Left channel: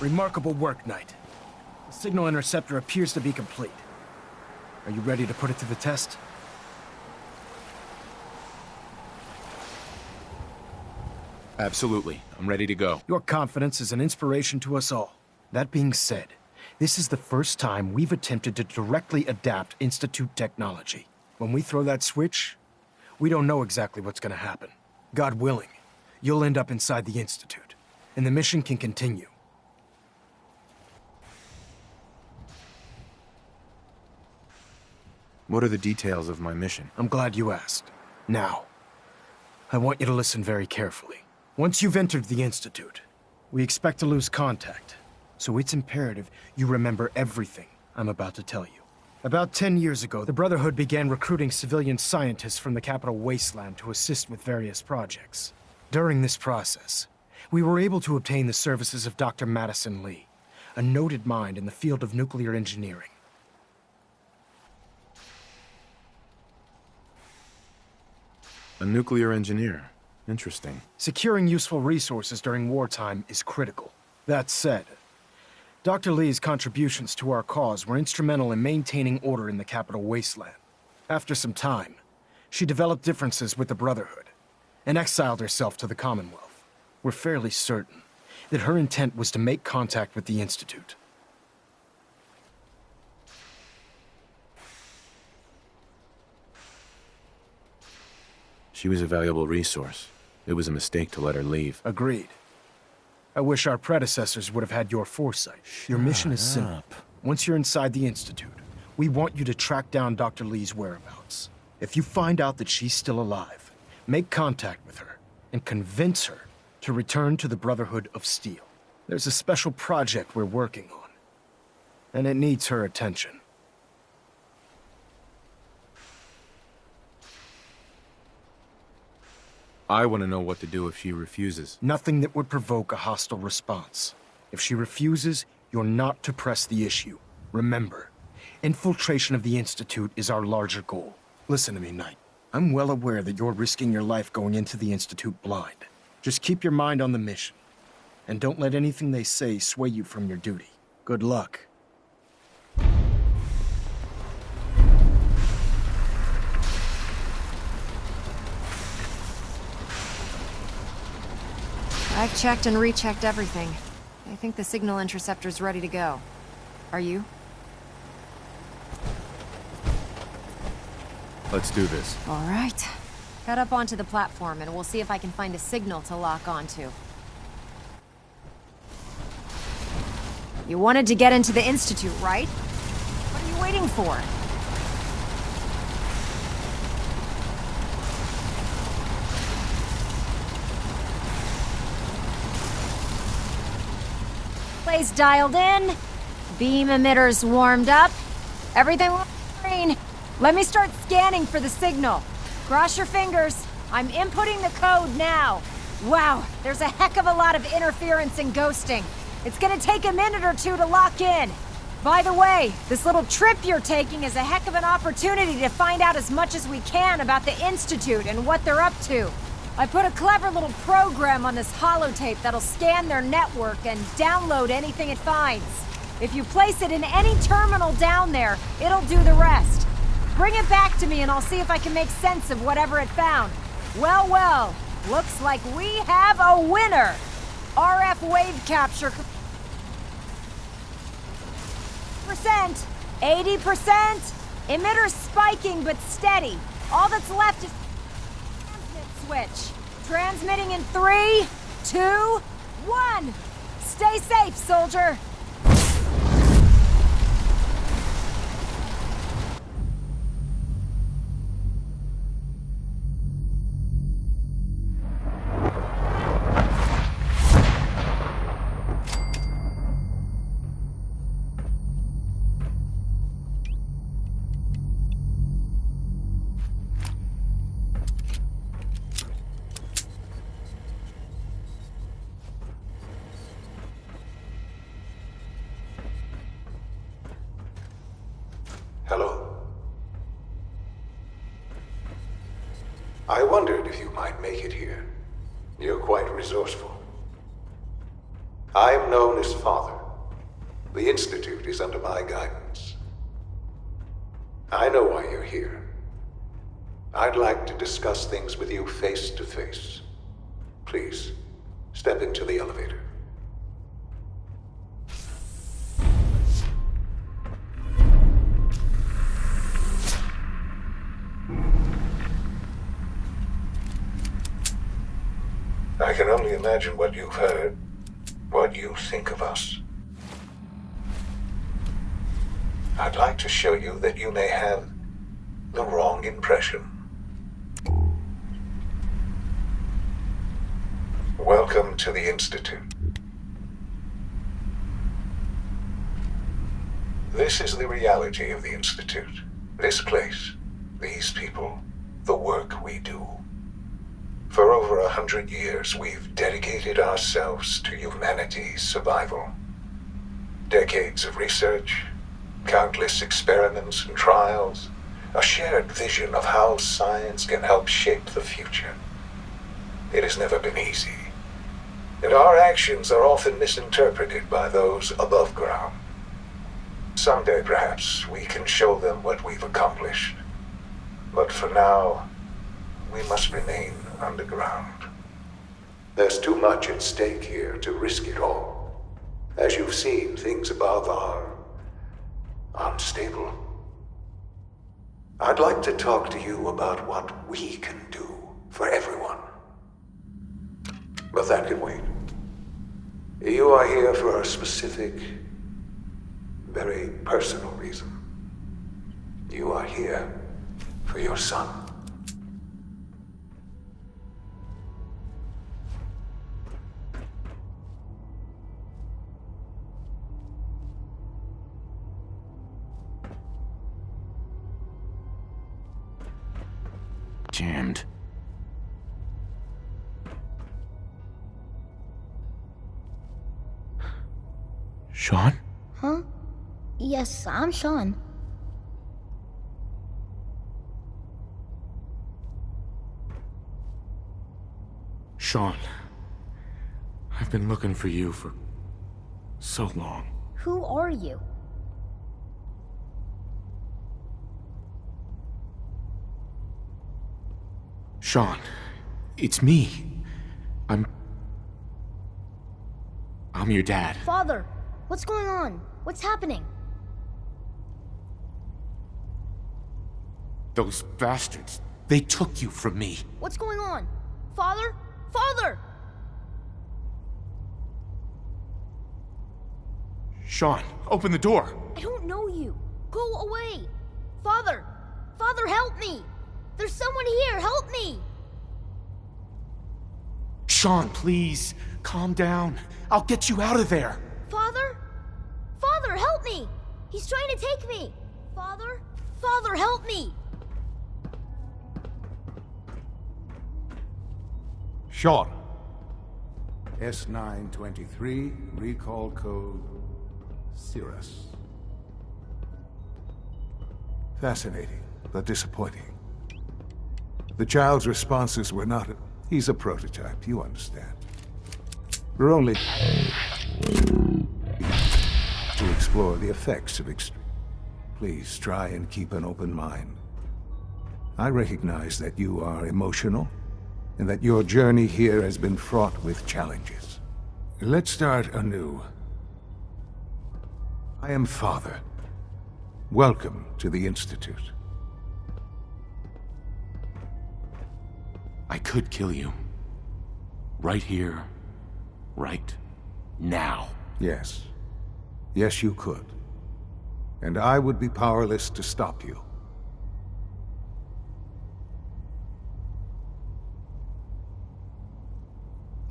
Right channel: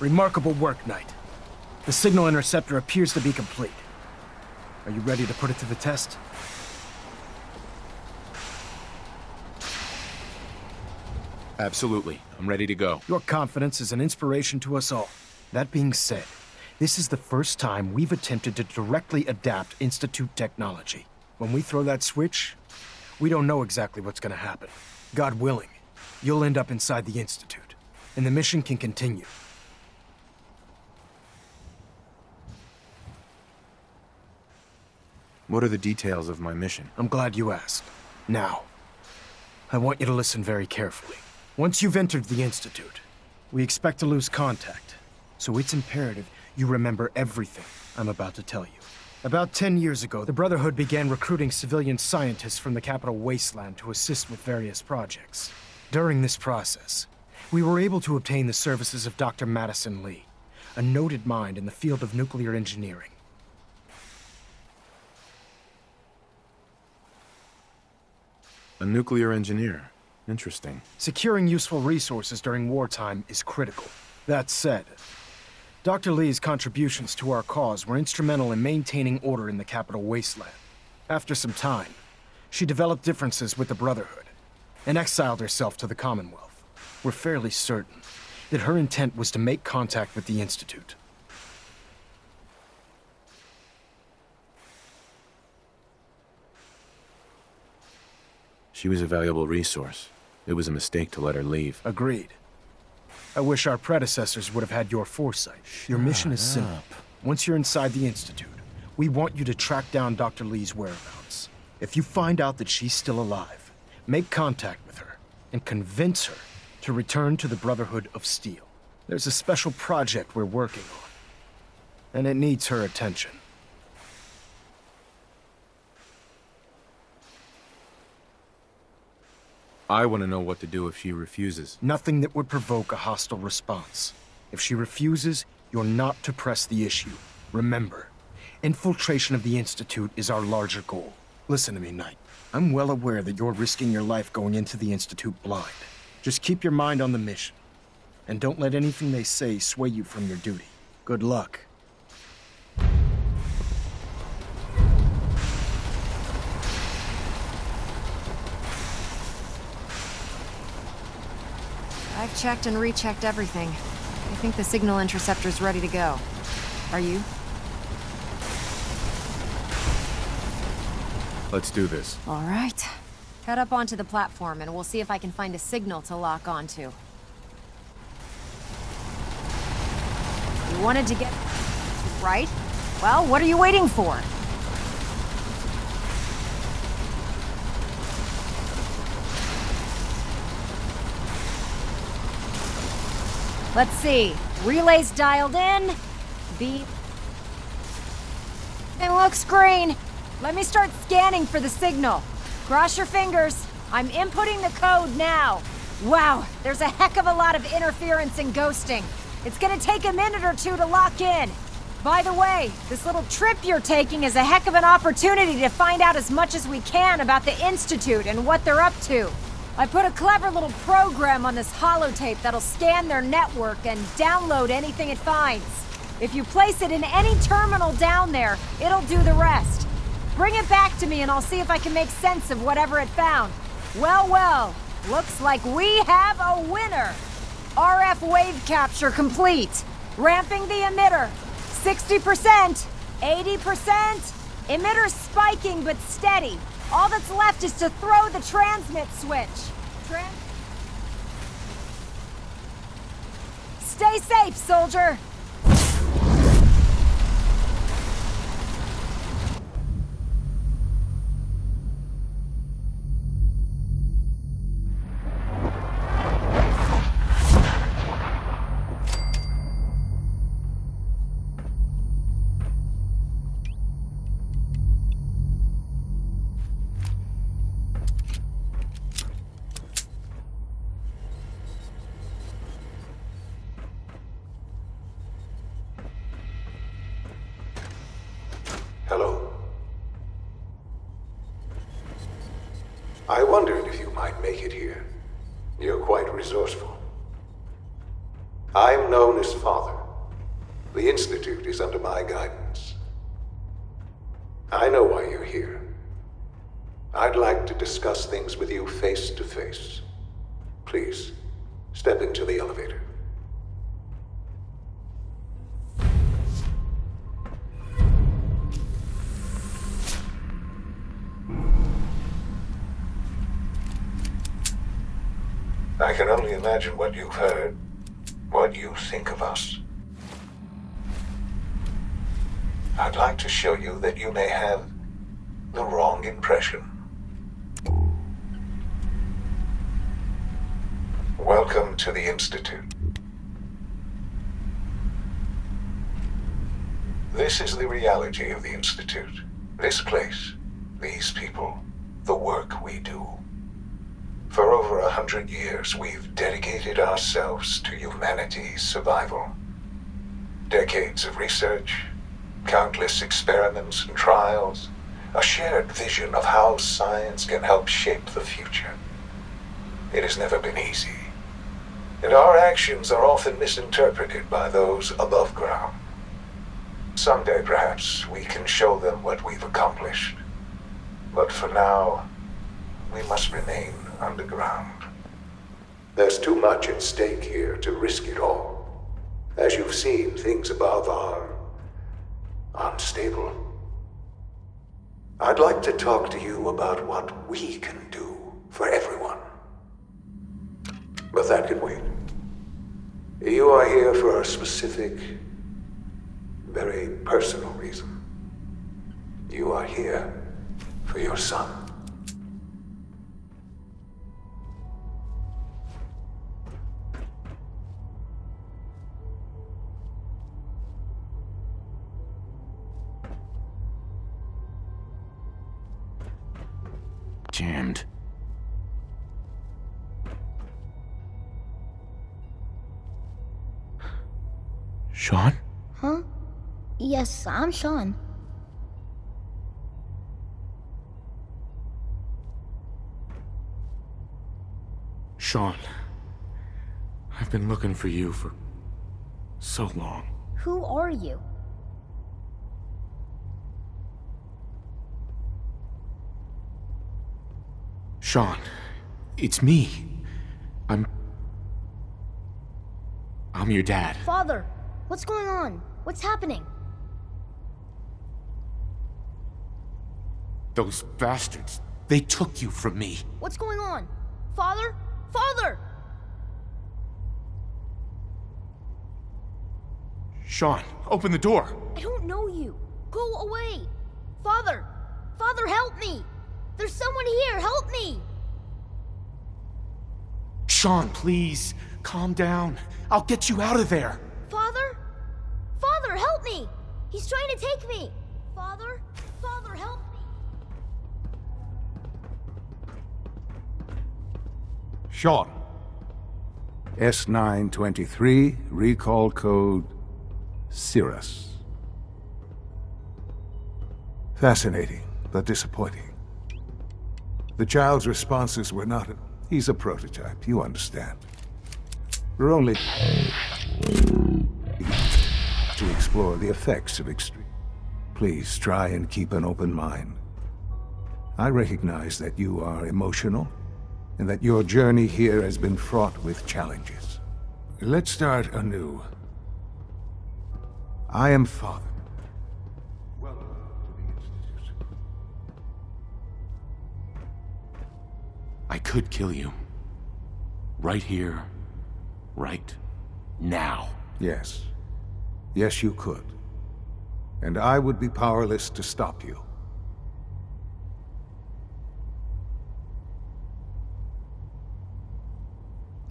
Remarkable work, Knight. The signal interceptor appears to be complete. Are you ready to put it to the test? Absolutely. I'm ready to go. Your confidence is an inspiration to us all. That being said, this is the first time we've attempted to directly adapt Institute technology. When we throw that switch, we don't know exactly what's gonna happen. God willing, you'll end up inside the Institute, and the mission can continue. What are the details of my mission? I'm glad you asked. Now, I want you to listen very carefully. Once you've entered the Institute, we expect to lose contact, so it's imperative you remember everything I'm about to tell you. About 10 years ago, the Brotherhood began recruiting civilian scientists from the capital wasteland to assist with various projects. During this process, we were able to obtain the services of Dr. Madison Lee, a noted mind in the field of nuclear engineering. A nuclear engineer. Interesting. Securing useful resources during wartime is critical. That said, Dr. Lee's contributions to our cause were instrumental in maintaining order in the capital wasteland. After some time, she developed differences with the Brotherhood and exiled herself to the Commonwealth. We're fairly certain that her intent was to make contact with the Institute. She was a valuable resource. It was a mistake to let her leave. Agreed. I wish our predecessors would have had your foresight. Your mission is simple. Once you're inside the Institute, we want you to track down Dr. Lee's whereabouts. If you find out that she's still alive, make contact with her and convince her to return to the Brotherhood of Steel. There's a special project we're working on, and it needs her attention. I want to know what to do if she refuses. Nothing that would provoke a hostile response. If she refuses, you're not to press the issue. Remember, infiltration of the Institute is our larger goal. Listen to me, Knight. I'm well aware that you're risking your life going into the Institute blind. Just keep your mind on the mission, and don't let anything they say sway you from your duty. Good luck. I've checked and rechecked everything. I think the signal interceptor's ready to go. Are you? Let's do this. All right. Head up onto the platform and we'll see if I can find a signal to lock onto. You wanted to get into the Institute, right? Well, what are you waiting for? Let's see. Relays dialed in. Beam emitters warmed up. Everything looks green. Let me start scanning for the signal. Cross your fingers. I'm inputting the code now. Wow, there's a heck of a lot of interference and ghosting. It's gonna take a minute or two to lock in. By the way, this little trip you're taking is a heck of an opportunity to find out as much as we can about the Institute and what they're up to. I put a clever little program on this holotape that'll scan their network and download anything it finds. If you place it in any terminal down there, it'll do the rest. Bring it back to me and I'll see if I can make sense of whatever it found. Well, well, looks like we have a winner. RF wave capture complete. Ramping the emitter. 60%, 80%. Emitter's spiking but steady. All that's left is to throw the transmit switch. Transmitting in 3, 2, 1. Stay safe, soldier. Hello? I wondered if you might make it here. You're quite resourceful. I am known as Father. The Institute is under my guidance. I know why you're here. I'd like to discuss things with you face to face. Please, step into the elevator. I can only imagine what you've heard, what you think of us. I'd like to show you that you may have the wrong impression. Welcome to the Institute. This is the reality of the Institute. This place, these people, the work we do. For over 100 years, we've dedicated ourselves to humanity's survival. Decades of research, countless experiments and trials, a shared vision of how science can help shape the future. It has never been easy, and our actions are often misinterpreted by those above ground. Someday, perhaps, we can show them what we've accomplished. But for now, we must remain underground. There's too much at stake here to risk it all. As you've seen, things above are unstable. I'd like to talk to you about what we can do for everyone. But that can wait. You are here for a specific, very personal reason. You are here for your son. Jammed. Sean? Huh? Yes, I'm Sean. Sean. I've been looking for you for so long. Who are you? Sean, it's me. I'm your dad. Father, what's going on? What's happening? Those bastards, they took you from me. What's going on? Father? Father! Sean, open the door. I don't know you. Go away. Father! Father, help me! There's someone here, help me! Sean, please, calm down. I'll get you out of there. Father? Father, help me! He's trying to take me! Father? Father, help me! Sean. S923, recall code Cirrus. Fascinating, but disappointing. The child's responses were not... He's a prototype, you understand. We're only... to explore the effects of extreme... Please try and keep an open mind. I recognize that you are emotional, and that your journey here has been fraught with challenges. Let's start anew. I am Father. Welcome to the Institute. I could kill you. Right here. Right now. Yes. Yes, you could. And I would be powerless to stop you.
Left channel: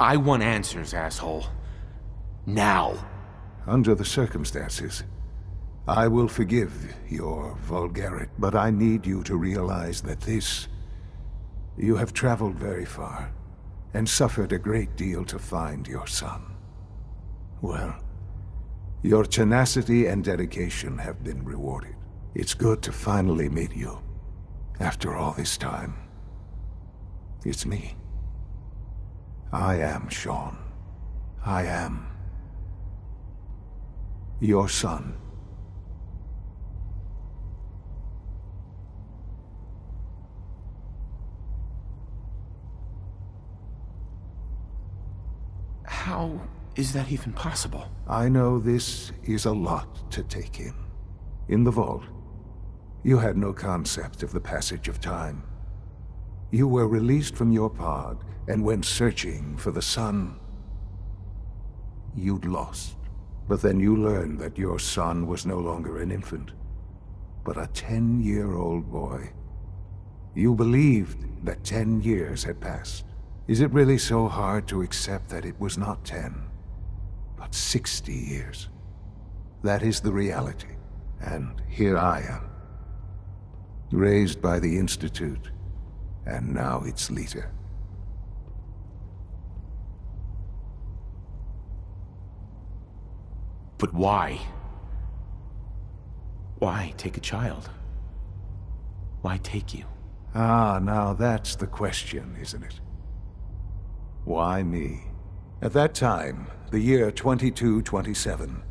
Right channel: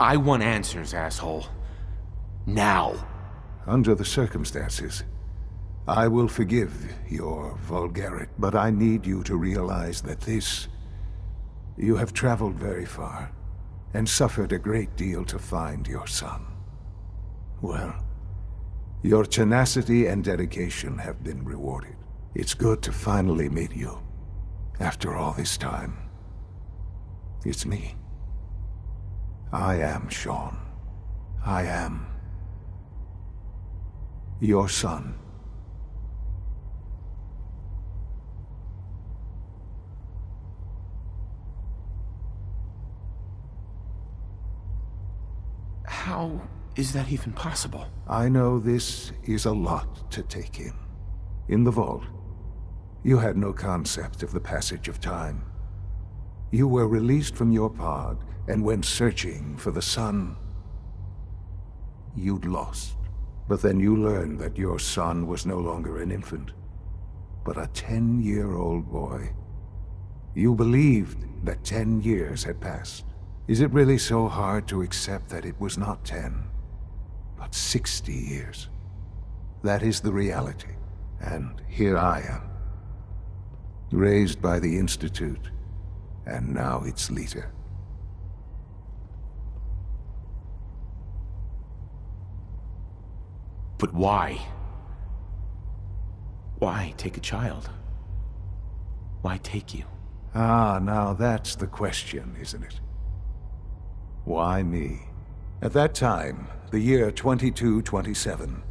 I want answers, asshole. Now. Under the circumstances, I will forgive your vulgarity, but I need you to realize that this... You have traveled very far, and suffered a great deal to find your son. Well, your tenacity and dedication have been rewarded. It's good to finally meet you, after all this time. It's me. I am Sean. I am Your son. How is that even possible? I know this is a lot to take in. In the vault, you had no concept of the passage of time. You were released from your pod and went searching for the son you'd lost. But then you learned that your son was no longer an infant, but a 10-year-old boy. You believed that 10 years had passed. Is it really so hard to accept that it was not 10, but 60 years? That is the reality. And here I am, raised by the Institute, and now its leader. But why? Why take a child? Why take you? Ah, now that's the question, isn't it? Why me? At that time, the year 2227,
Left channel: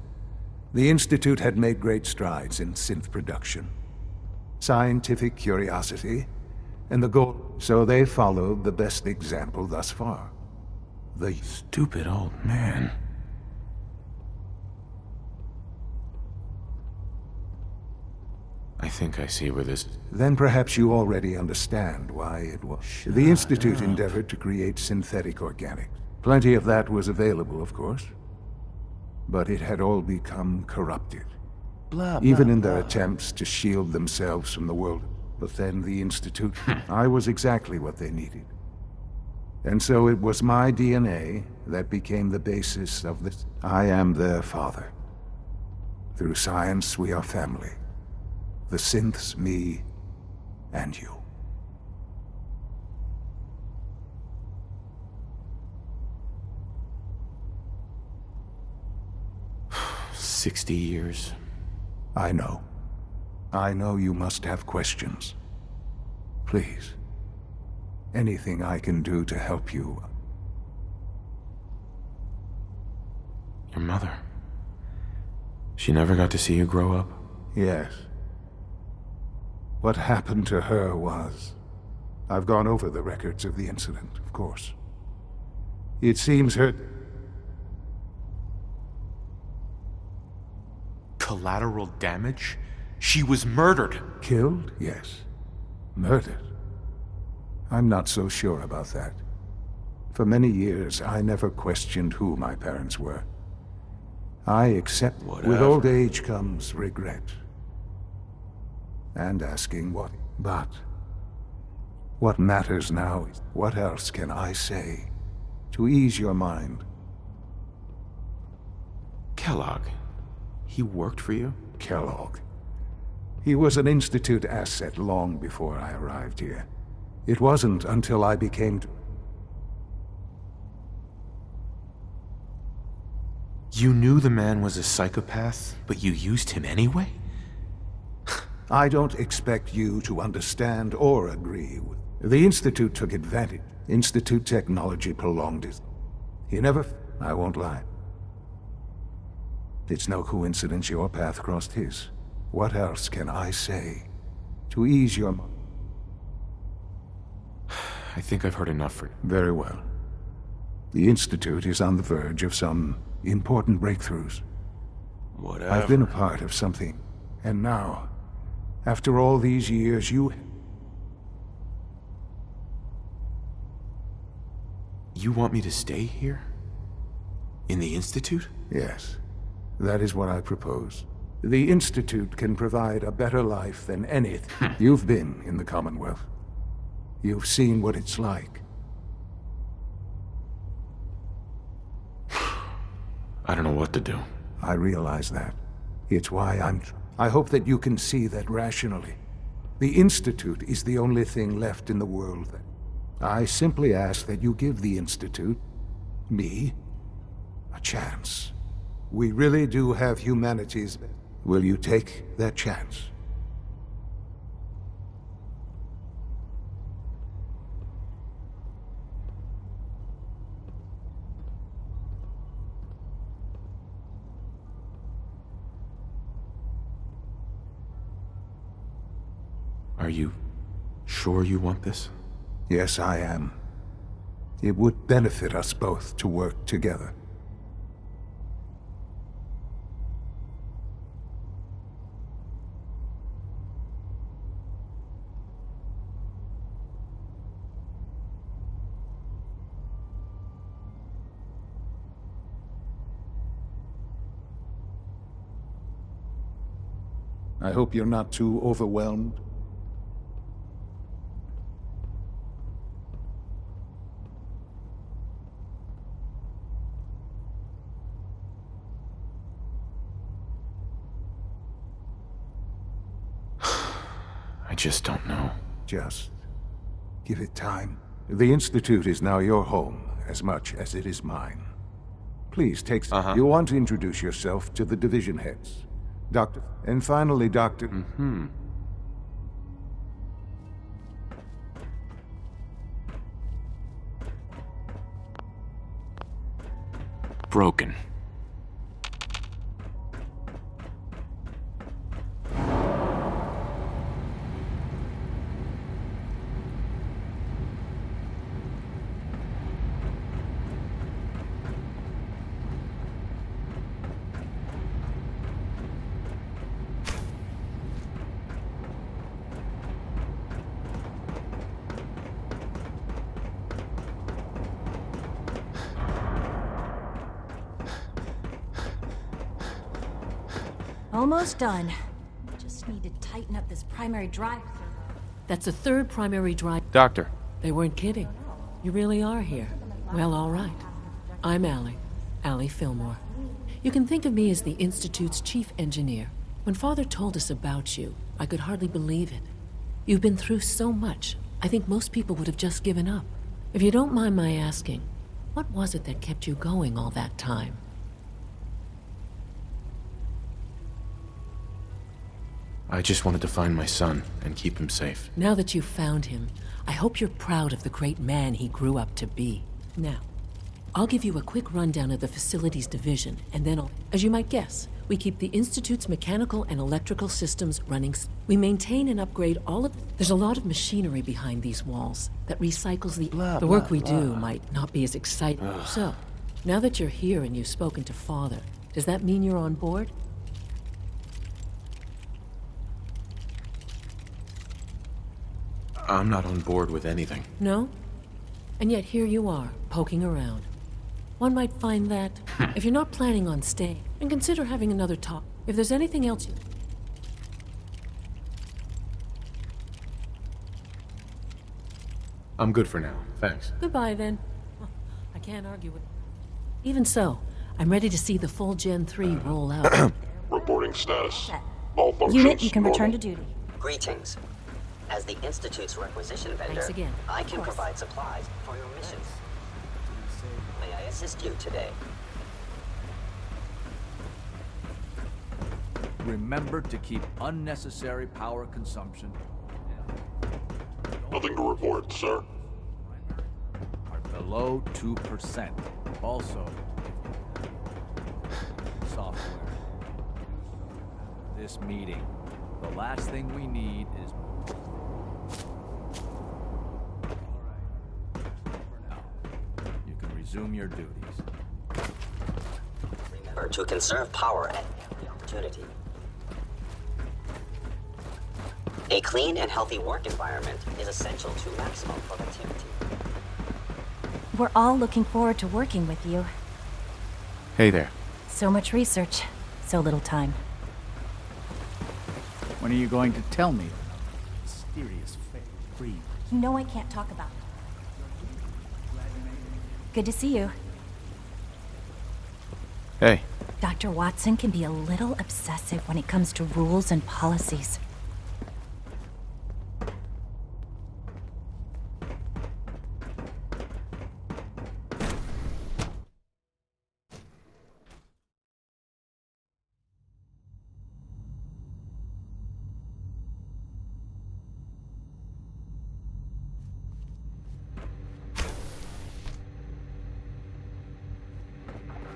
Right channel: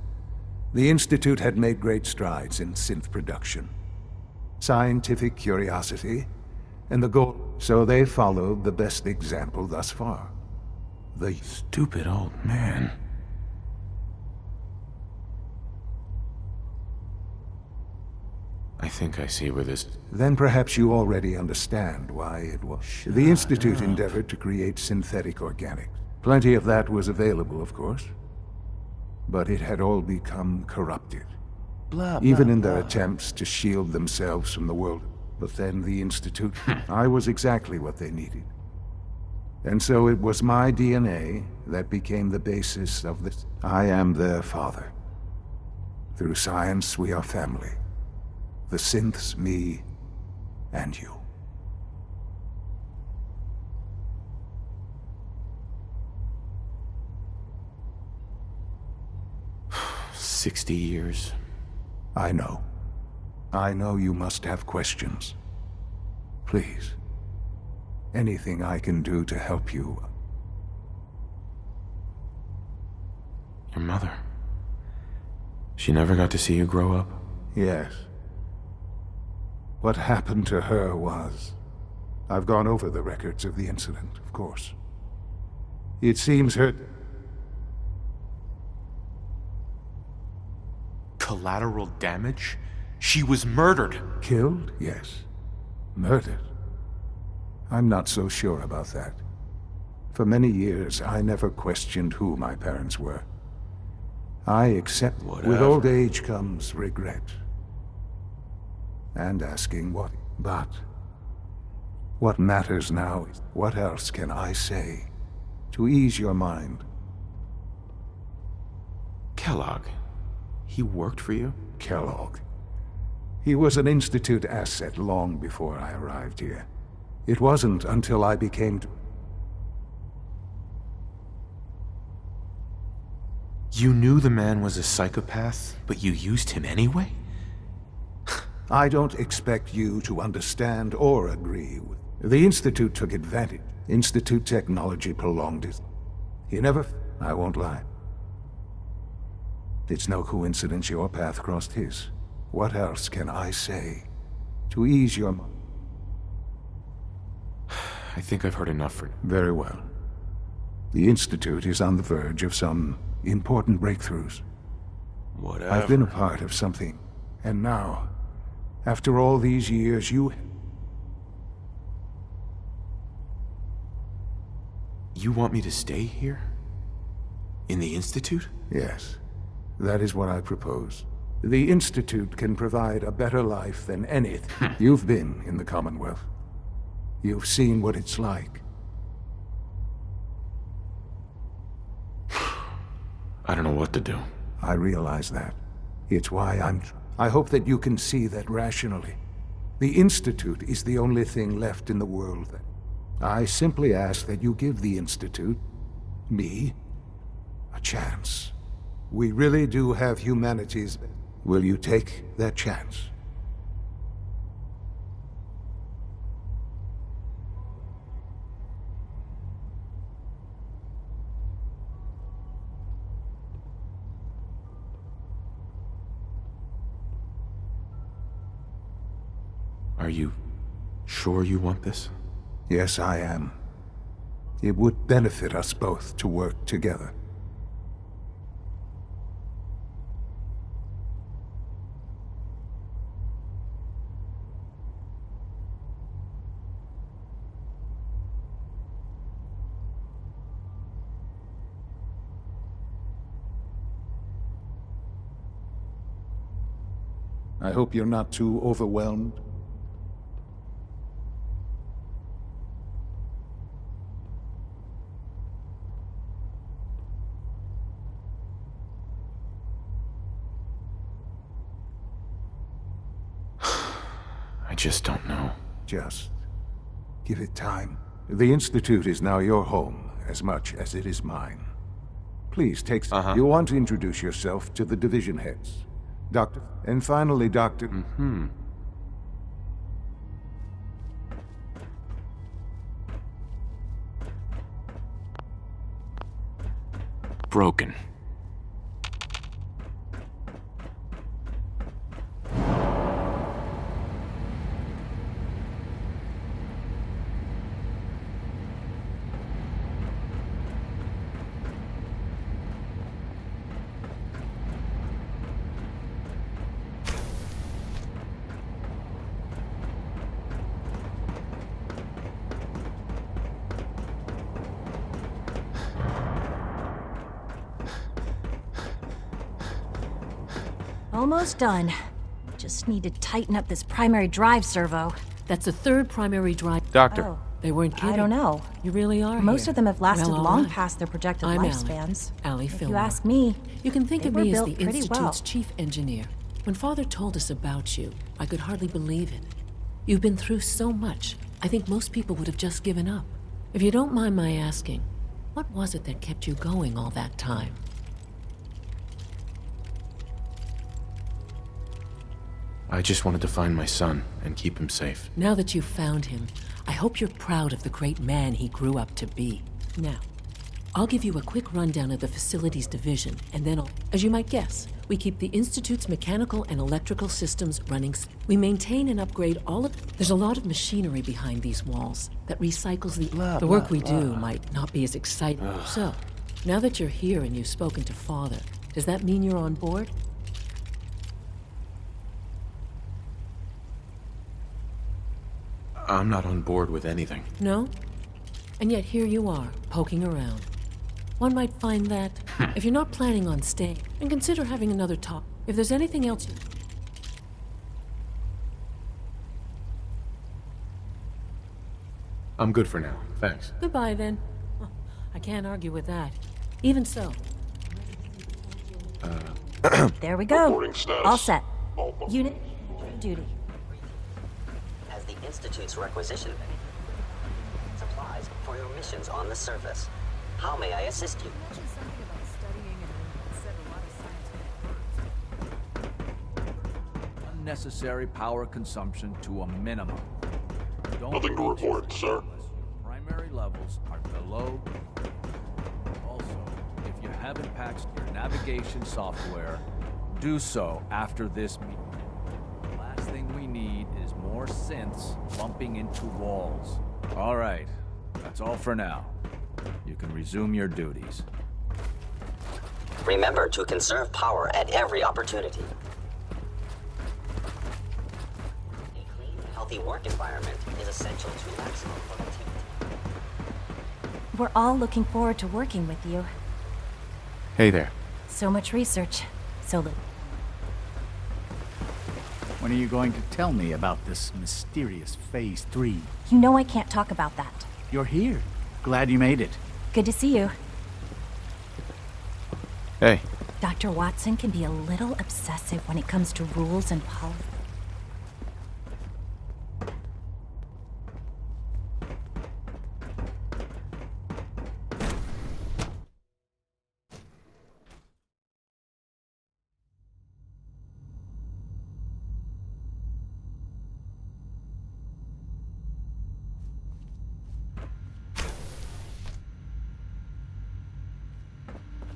the Institute had made great strides in synth production. Scientific curiosity, and the goal. So they followed the best example thus far. The Stupid old man. I think I see where this... Then perhaps you already understand why it was. The Institute endeavored to create synthetic organics. Plenty of that was available, of course. But it had all become corrupted. Even in their attempts to shield themselves from the world. But then the Institute... I was exactly what they needed. And so it was my DNA that became the basis of this. I am their father. Through science, we are family. The synths, me, and you. 60 years. I know. I know you must have questions. Please. Anything I can do to help you. Your mother. She never got to see you grow up? Yes. What happened to her was... I've gone over the records of the incident, of course. It seems her... Collateral damage? She was murdered! Killed? Yes. Murdered? I'm not so sure about that. For many years, I never questioned who my parents were. I accept... Whatever. With old age comes regret. And asking what... But... what matters now is... What else can I say to ease your mind? Kellogg. He worked for you? Kellogg. He was an Institute asset long before I arrived here. It wasn't until I became... You knew the man was a psychopath, but you used him anyway? I don't expect you to understand or agree with... The Institute took advantage. Institute technology prolonged it. He never... I won't lie. It's no coincidence your path crossed his. What else can I say to ease your mind? I think I've heard enough for... Very well. The Institute is on the verge of some important breakthroughs. Whatever. I've been a part of something. And now, after all these years, you... You want me to stay here? In the Institute? Yes. That is what I propose. The Institute can provide a better life than anything. You've been in the Commonwealth. You've seen what it's like. I don't know what to do. I realize that. It's why I hope that you can see that rationally. The Institute is the only thing left in the world that... I simply ask that you give the Institute, me, a chance. We really do have humanity's... Will you take that chance? Are you sure you want this? Yes, I am. It would benefit us both to work together. I hope you're not too overwhelmed. I just don't know. Just give it time. The Institute is now your home as much as it is mine. Please take some. You want to introduce yourself to the division heads. Doctor, and finally, Doctor. Broken. Almost done. Just need to tighten up this primary drive servo. That's the third primary drive. Doctor. Oh, They weren't kidding. I don't know. You really are Most here. of them have lasted Well, all long right. past their projected I'm lifespans. Allie If you Fillmore. ask me, You can think of they me were as the built pretty Institute's well. chief engineer. When Father told us about you, I could hardly believe it. You've been through so much, I think most people would have just given up. If you don't mind my asking, what was it that kept you going all that time? I just wanted to find my son and keep him safe. Now that you've found him, I hope you're proud of the great man he grew up to be. Now, I'll give you a quick rundown of the facilities division, and then as you might guess, we keep the Institute's mechanical and electrical systems running. We maintain and upgrade all of... There's a lot of machinery behind these walls that recycles the work we do might not be as exciting. So, now that you're here and you've spoken to Father, does that mean you're on board? I'm not on board with anything. No? And yet here you are, poking around. One might find that, if you're not planning on staying, and consider having another talk. If there's anything else you... I'm good for now. Thanks. Goodbye, then. Well, I can't argue with that. Even so, I'm ready to see the full Gen 3 roll out. there we go. Reporting status. All set. All Unit, you can functions return normal. to duty. Greetings. As the Institute's requisition vendor, Thanks again. I can provide supplies for your missions on the surface. How may I assist you today? Remember to keep unnecessary power consumption to a minimum. Don't Nothing to report, sir. Primary levels are below 2%. Also, if you haven't patched your navigation software, do so after this meeting. The last thing we need is more synths bumping into walls. All right, that's all for now. You can resume your duties. Remember to conserve power at every opportunity. A clean and healthy work environment is essential to maximum productivity. We're all looking forward to working with you. Hey there. So much research, so little time. When are you going to tell me about this mysterious Phase 3? You know I can't talk about that. You're here. Glad you made it. Good to see you. Hey. Dr. Watson can be a little obsessive when it comes to rules and policies.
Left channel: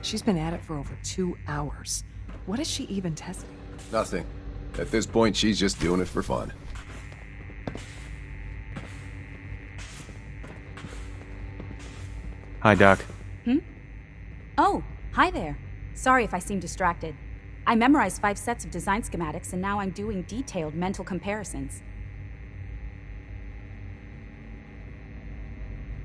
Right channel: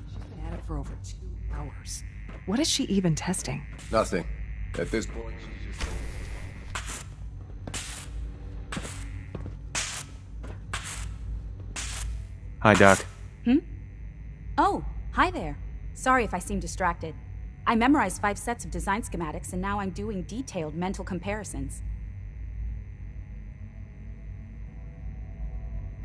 She's been at it for over 2 hours. What is she even testing? Nothing. At this point, she's just doing it for fun. Hi, Doc. Oh, hi there. Sorry if I seem distracted. I memorized 5 sets of design schematics, and now I'm doing detailed mental comparisons.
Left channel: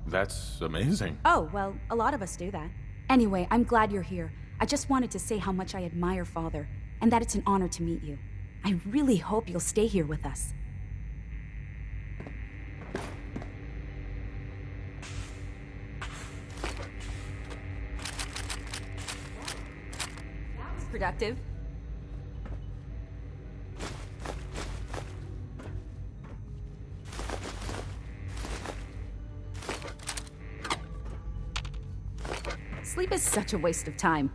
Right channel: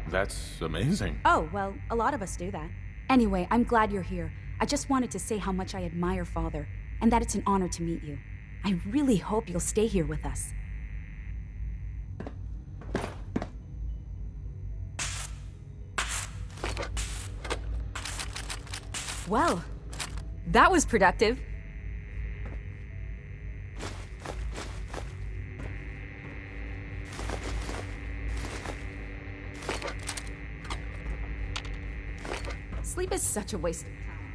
That's amazing. Oh, well, a lot of us do that. Anyway, I'm glad you're here. I just wanted to say how much I admire Father, and that it's an honor to meet you. I really hope you'll stay here with us. Well, that was productive. Sleep is such a waste of time.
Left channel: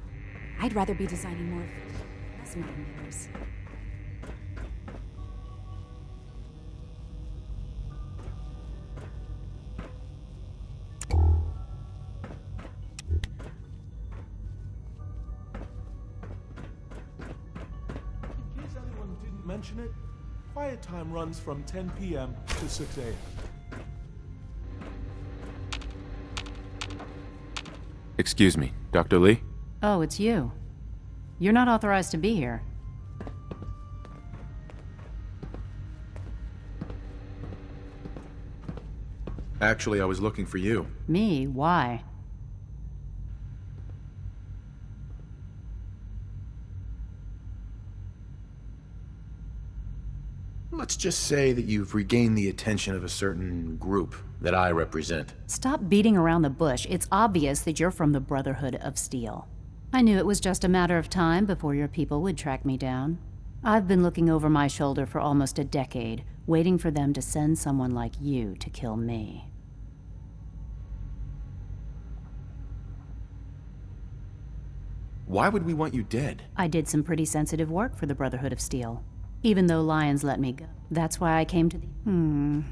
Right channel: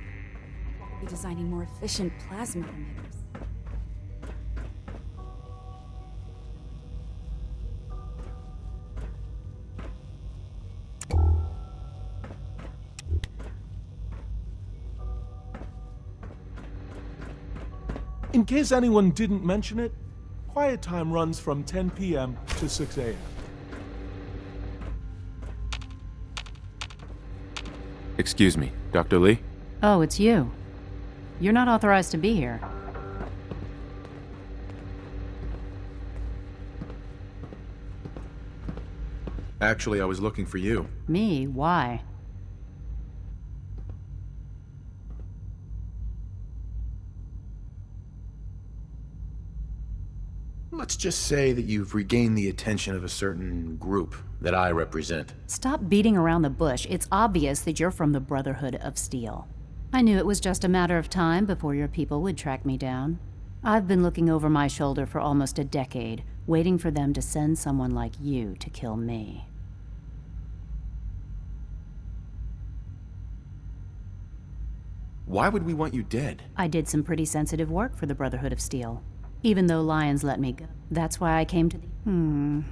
I'd rather be designing more efficient plasma emitters. In case anyone didn't mention it, quiet time runs from 10 p.m. to 6 a.m. Excuse me, Dr. Lee? Oh, it's you. You're not authorized to be here. Actually, I was looking for you. Me? Why? Let's just say that you've regained the attention of a certain group that I represent. Stop beating around the bush. It's obvious that you're from the Brotherhood of Steel. I knew it was just a matter of time before your people would track me down. I've been looking over my shoulder for almost a decade, waiting for them to send someone like you to kill me. Why would we want you dead? I did some pretty sensitive work for the Brotherhood of Steel. Even though Lions let me go. That's why I came to the...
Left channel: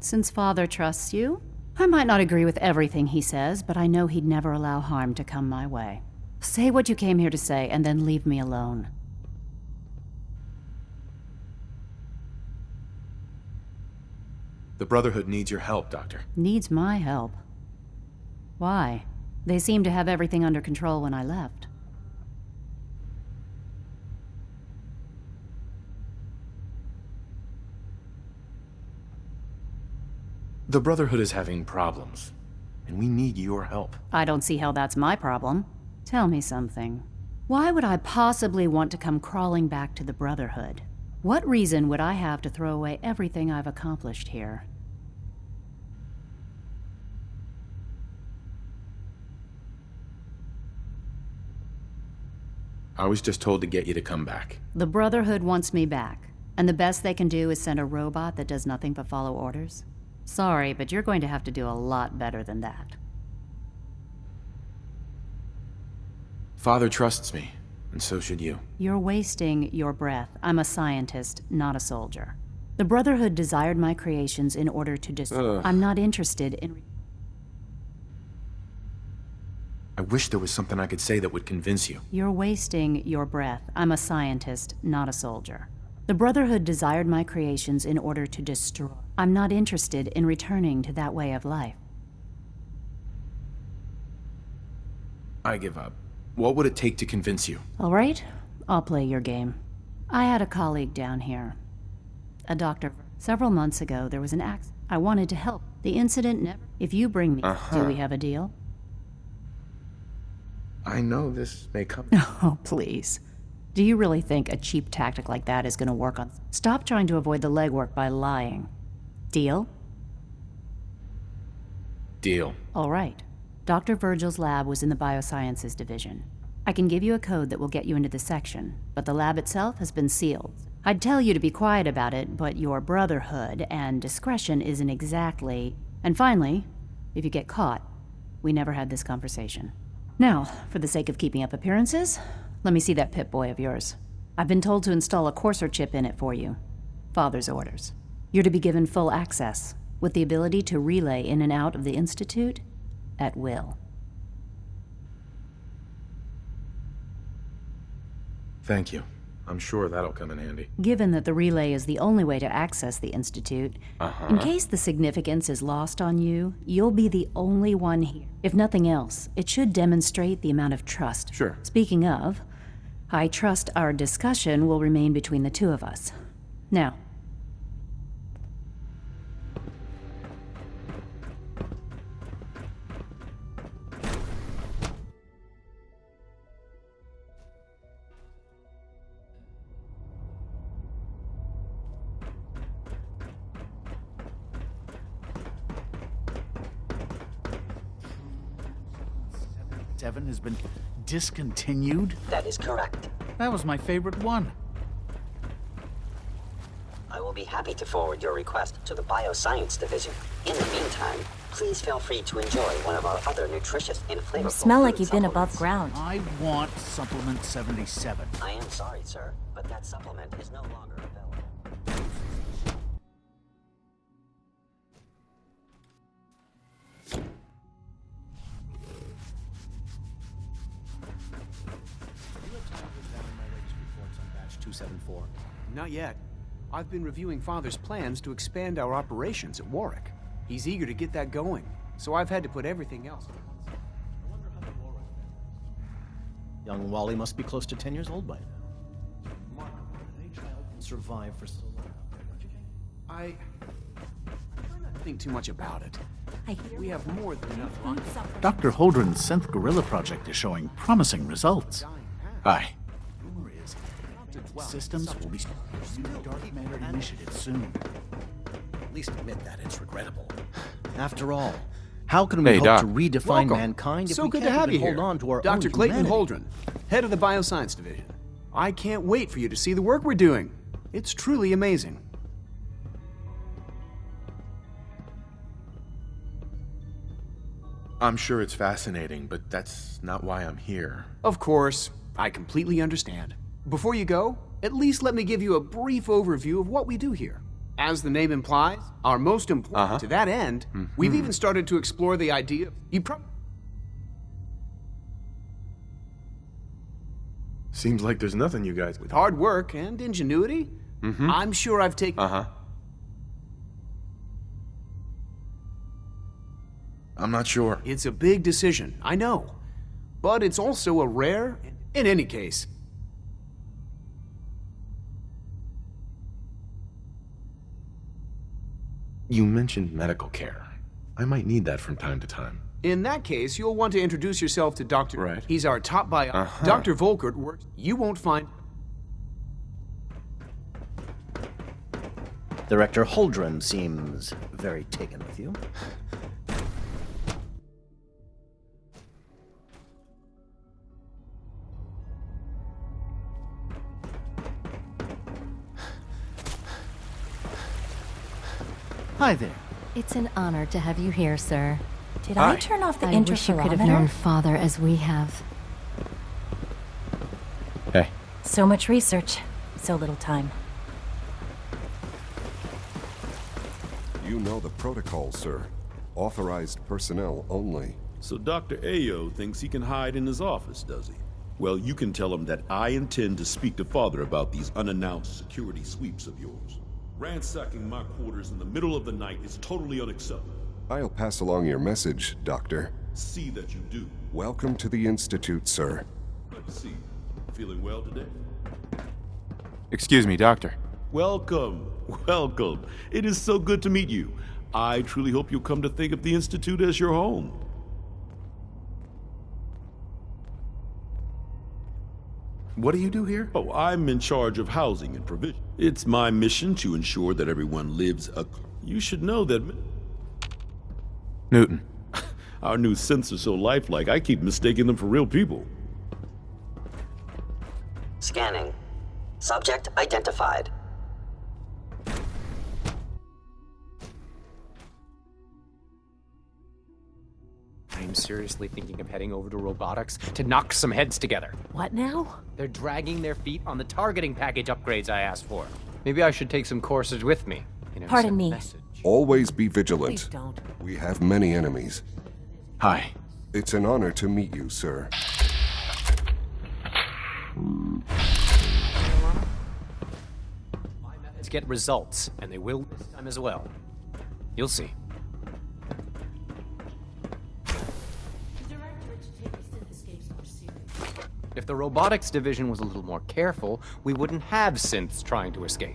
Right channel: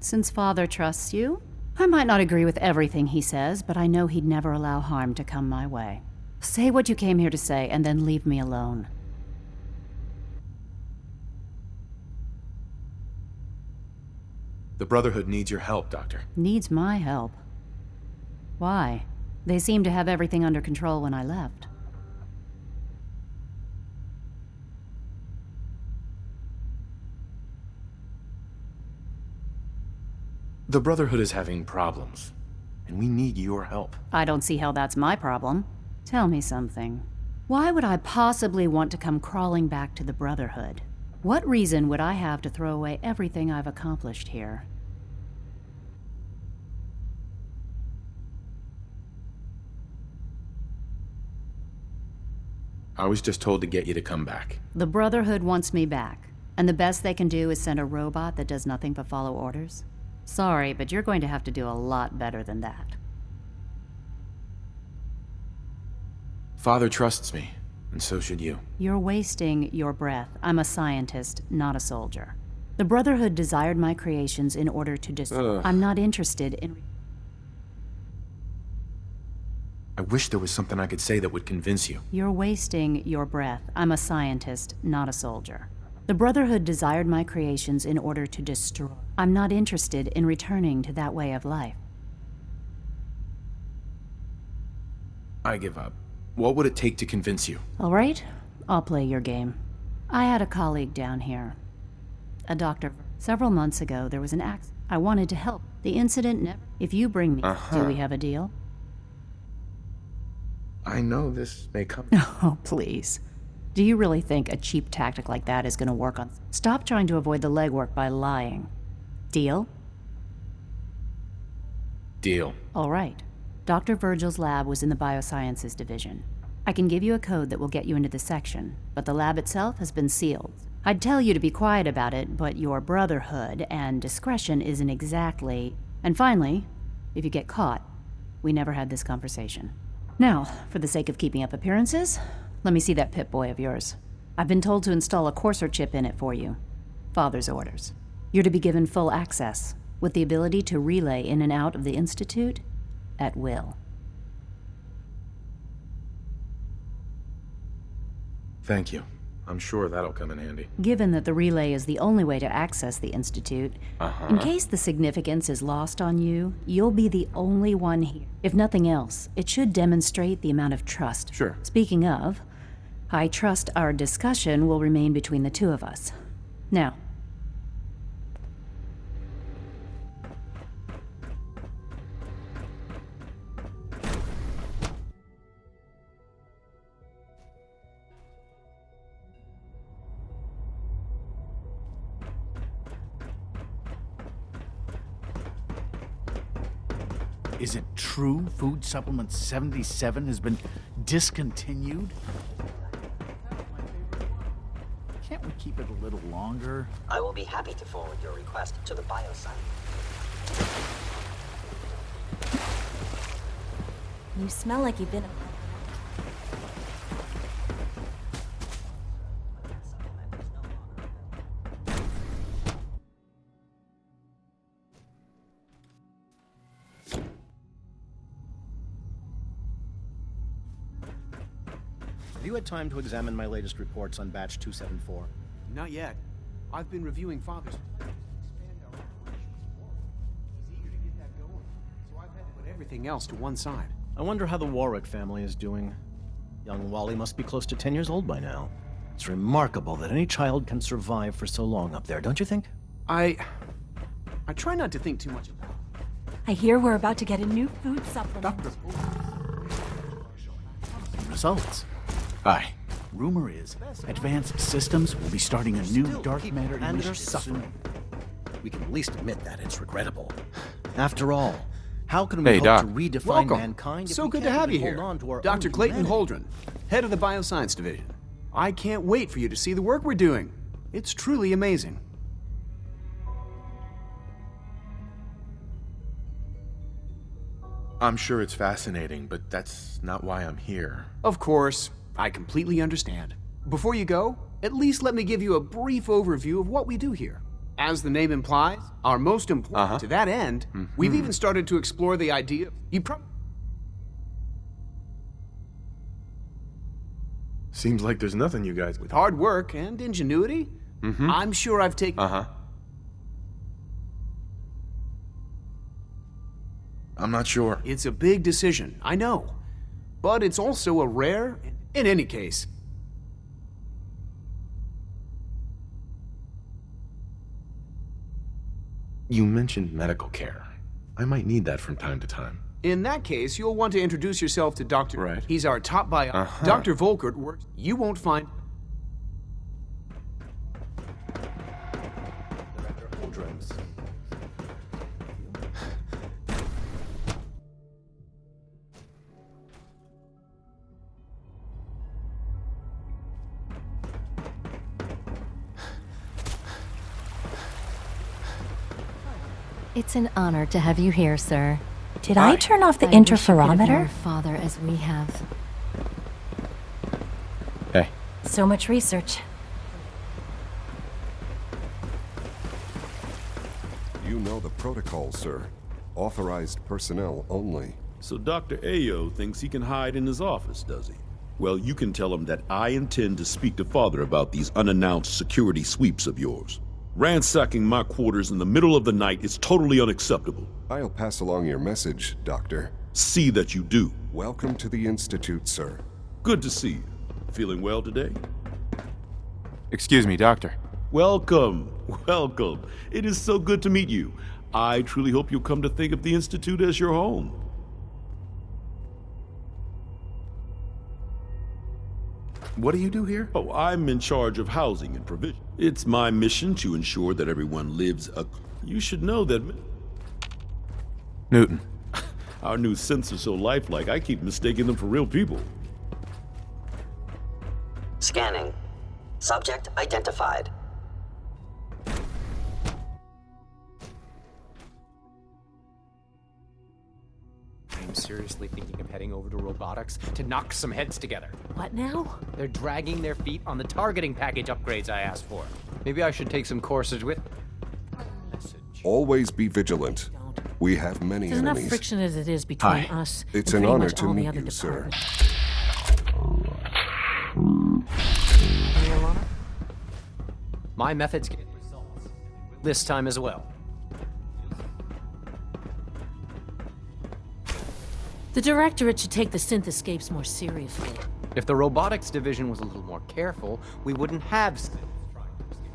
Since Father trusts you, I might not agree with everything he says, but I know he'd never allow harm to come my way. Say what you came here to say, and then leave me alone. The Brotherhood needs your help, Doctor. Needs my help? Why? They seemed to have everything under control when I left. The Brotherhood is having problems, and we need your help. I don't see how that's my problem. Tell me something. Why would I possibly want to come crawling back to the Brotherhood? What reason would I have to throw away everything I've accomplished here? I was just told to get you to come back. The Brotherhood wants me back, and the best they can do is send a robot that does nothing but follow orders? Sorry, but you're going to have to do a lot better than that. Father trusts me, and so should you. You're wasting your breath. I'm a scientist, not a soldier. The Brotherhood desired my creations in order to destroy. I'm not interested in... I wish there was something I could say that would convince you. You're wasting your breath. I'm a scientist, not a soldier. The Brotherhood desired my creations in order to destroy. I'm not interested in returning to that way of life. I give up. What would it take to convince you? All right, I'll play your game. I had a colleague down here, a doctor. Several months ago, there was an accident. I wanted to help. The incident never... If you bring me, do we have a deal? I know this may come... Oh, please. Do you really think a cheap tactic like that is going to work on... Stop trying to avoid the legwork by lying. Deal? Deal. All right. Dr. Virgil's lab was in the Biosciences Division. I can give you a code that will get you into the section, but the lab itself has been sealed. I'd tell you to be quiet about it, but your Brotherhood and discretion isn't exactly... And finally, if you get caught, we never had this conversation. Now, for the sake of keeping up appearances, let me see that Pip-Boy of yours. I've been told to install a courser chip in it for you. Father's orders. You're to be given full access, with the ability to relay in and out of the Institute at will. Thank you. I'm sure that'll come in handy. Given that the relay is the only way to access the Institute, in case the significance is lost on you, you'll be the only one here. If nothing else, it should demonstrate the amount of trust. Sure. Speaking of, I trust our discussion will remain between the two of us. Now, is it true Food Supplement 77 has been discontinued? That is correct. That was my favorite one. Can't we keep it a little longer? I will be happy to forward your request to the Bioscience Division. In the meantime, please feel free to enjoy one of our other nutritious and flavorful You smell like food you've been supplements. above ground. I want Supplement 77. I am sorry, sir, but that supplement is no longer available. Have you had time to examine my latest reports on Batch 274? Not yet. I've been reviewing Father's plans to expand our operations at Warwick. He's eager to get that going, so I've had to put everything else to one side. I wonder how the Warwick family is doing. Young Wally must be close to 10 years old by now. It's remarkable that any child can survive for so long up there, don't you think? I try not to think too much about it. I hear we're about to get a new food supplement. Dr. Holdren's Synth Gorilla project is showing promising results. Aye. Rumor is, Advanced Systems will be starting a new dark matter initiative soon. We can at least admit that it's regrettable. After all, how can we hope Doc. to redefine Welcome. mankind if So we good can't to have you even here, hold on to our Dr. own Clayton humanity? Holdren, head of the Bioscience Division. I can't wait for you to see the work we're doing. It's truly amazing. I'm sure it's fascinating, but that's not why I'm here. Of course, I completely understand. Before you go, at least let me give you a brief overview of what we do here. As the name implies, our most important to that end, we've even started to explore the idea Seems like there's nothing you guys... with hard work and ingenuity, I'm sure I've taken... I'm not sure. It's a big decision, I know. But it's also a rare... In any case... You mentioned medical care. I might need that from time to time. In that case, you'll want to introduce yourself to Dr. Right. He's our top bio... Dr. Volkert works... You won't find... Director Holdren seems very taken with you. Hi there. It's an honor to have you here, sir. Did I turn off the I wish you could have interferometer? known Father as we have. Hey. So much research, so little time. You know the protocol, sir. Authorized personnel only. So Dr. Ayo thinks he can hide in his office, does he? Well, you can tell him that I intend to speak to Father about these unannounced security sweeps of yours. Ransacking my quarters in the middle of the night is totally unacceptable. I'll pass along your message, Doctor. See that you do. Welcome to the Institute, sir. Good to see you. Feeling well today? Excuse me, Doctor. Welcome. Welcome. It is so good to meet you. I truly hope you'll come to think of the Institute as your home. What do you do here? Oh, I'm in charge of housing and provision. It's my mission to ensure that everyone lives a... You should know that... Newton. Our new synths are so lifelike, I keep mistaking them for real people. Scanning. Subject identified. I'm seriously thinking of heading over to robotics to knock some heads together. What now? They're dragging their feet on the targeting package upgrades I asked for. Maybe I should take some courses with me. Pardon me. Always be vigilant. Please don't. We have many There's enough enemies. friction as it is between Hi. us. It's and an pretty honor much to all the meet other you, sir. departments. Any alarm? My methods get results, and they will this time as well. You'll see. The Directorate should take the synth escapes more seriously. If the robotics division was a little more careful, we wouldn't have synths trying to escape.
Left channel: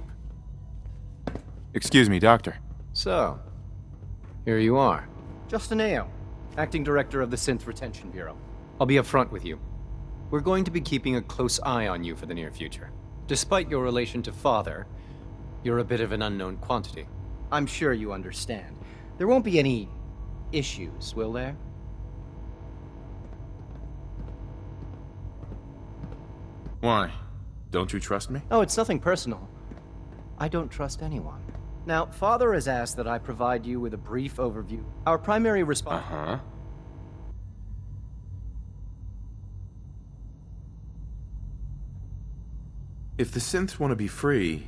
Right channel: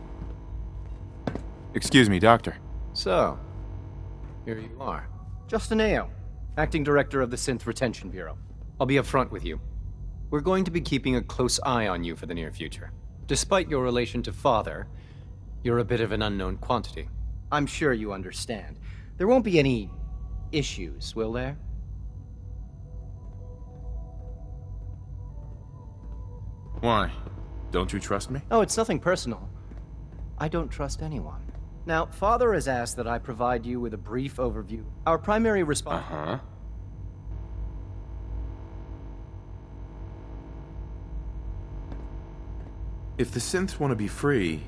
Excuse me, Doctor. So, here you are. Justin Ao, Acting Director of the Synth Retention Bureau. I'll be upfront with you. We're going to be keeping a close eye on you for the near future. Despite your relation to Father, you're a bit of an unknown quantity. I'm sure you understand. There won't be any issues, will there? Why? Don't you trust me? Oh, it's nothing personal. I don't trust anyone. Now, Father has asked that I provide you with a brief overview. Our primary response... Uh-huh. If the synths want to be free,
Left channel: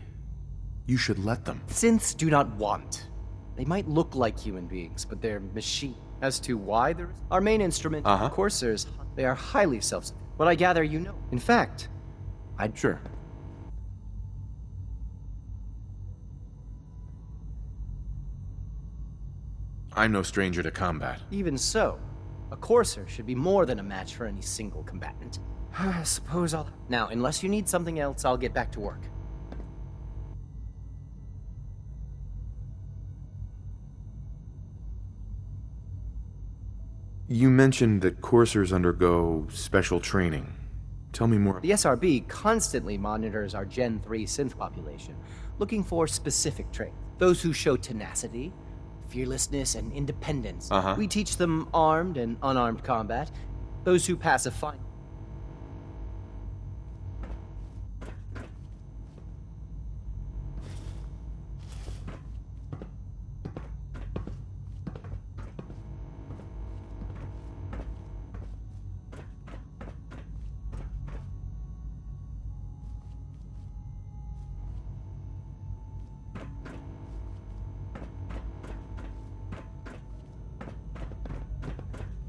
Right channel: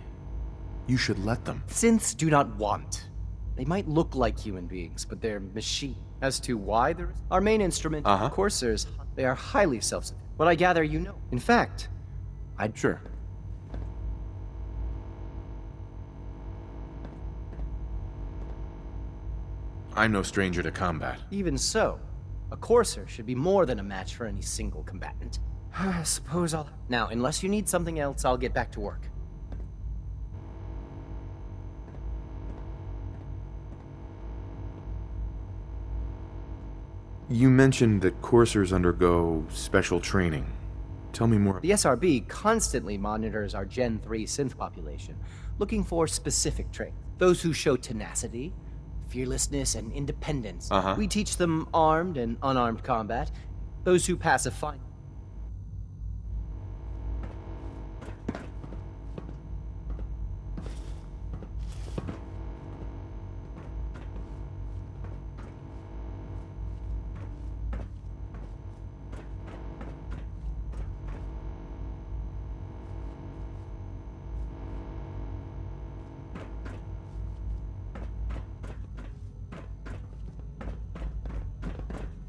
you should let them. Synths do not want. They might look like human beings, but they're machine. As to why there is... Our main instrument, coursers, they are highly self-sufficient. What I gather you know. In fact, I'd... Sure. I'm no stranger to combat. Even so, a courser should be more than a match for any single combatant. I suppose I'll... Now, unless you need something else, I'll get back to work. You mentioned that coursers undergo special training. Tell me more. The SRB constantly monitors our Gen 3 synth population, looking for specific traits. Those who show tenacity, fearlessness, and independence. We teach them armed and unarmed combat. Those who pass a fine...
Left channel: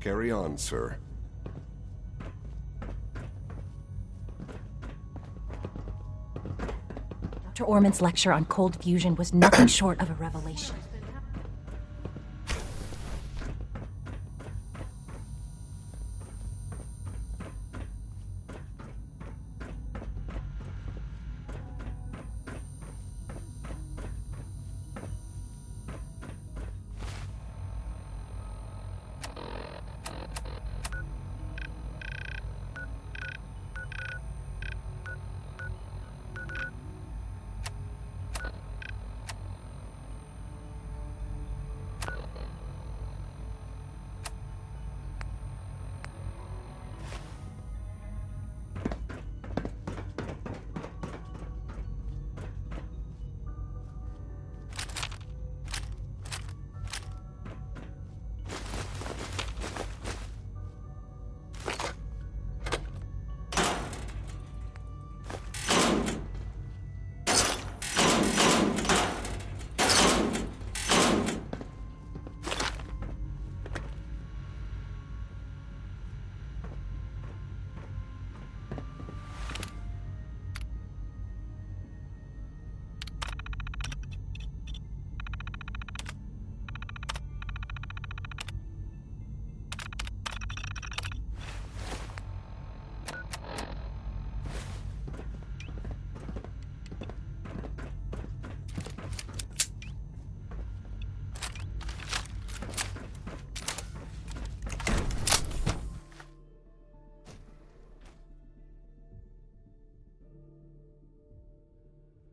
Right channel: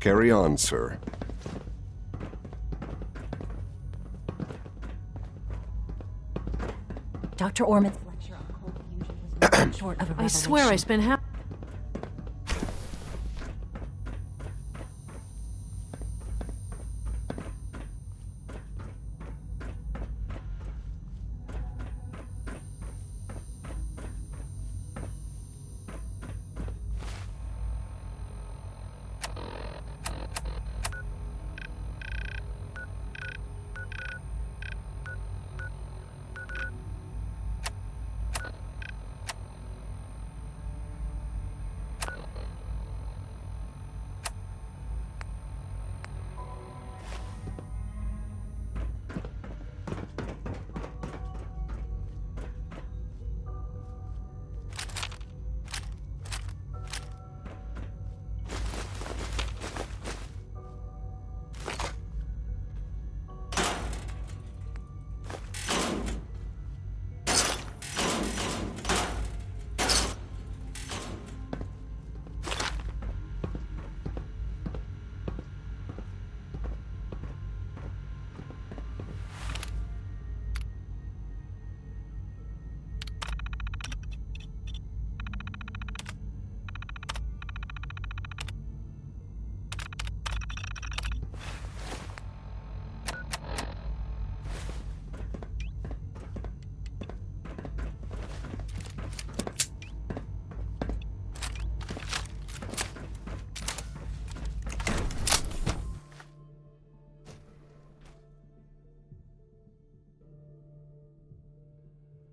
Carry on, sir. Dr. Orman's lecture on cold fusion was nothing short of a revelation. I swear I spent half...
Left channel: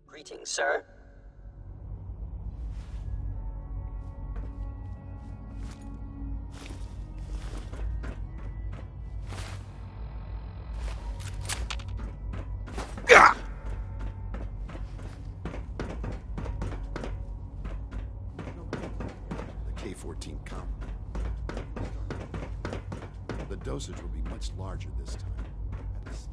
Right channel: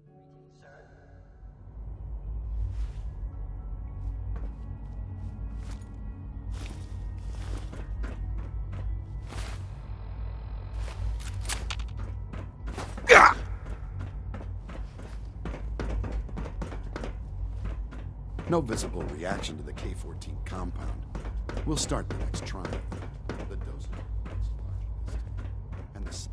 Greetings, sir. No visible reaction to the K-14 compound. We'll start the next trial. The dosage will be much larger this time. And the... Side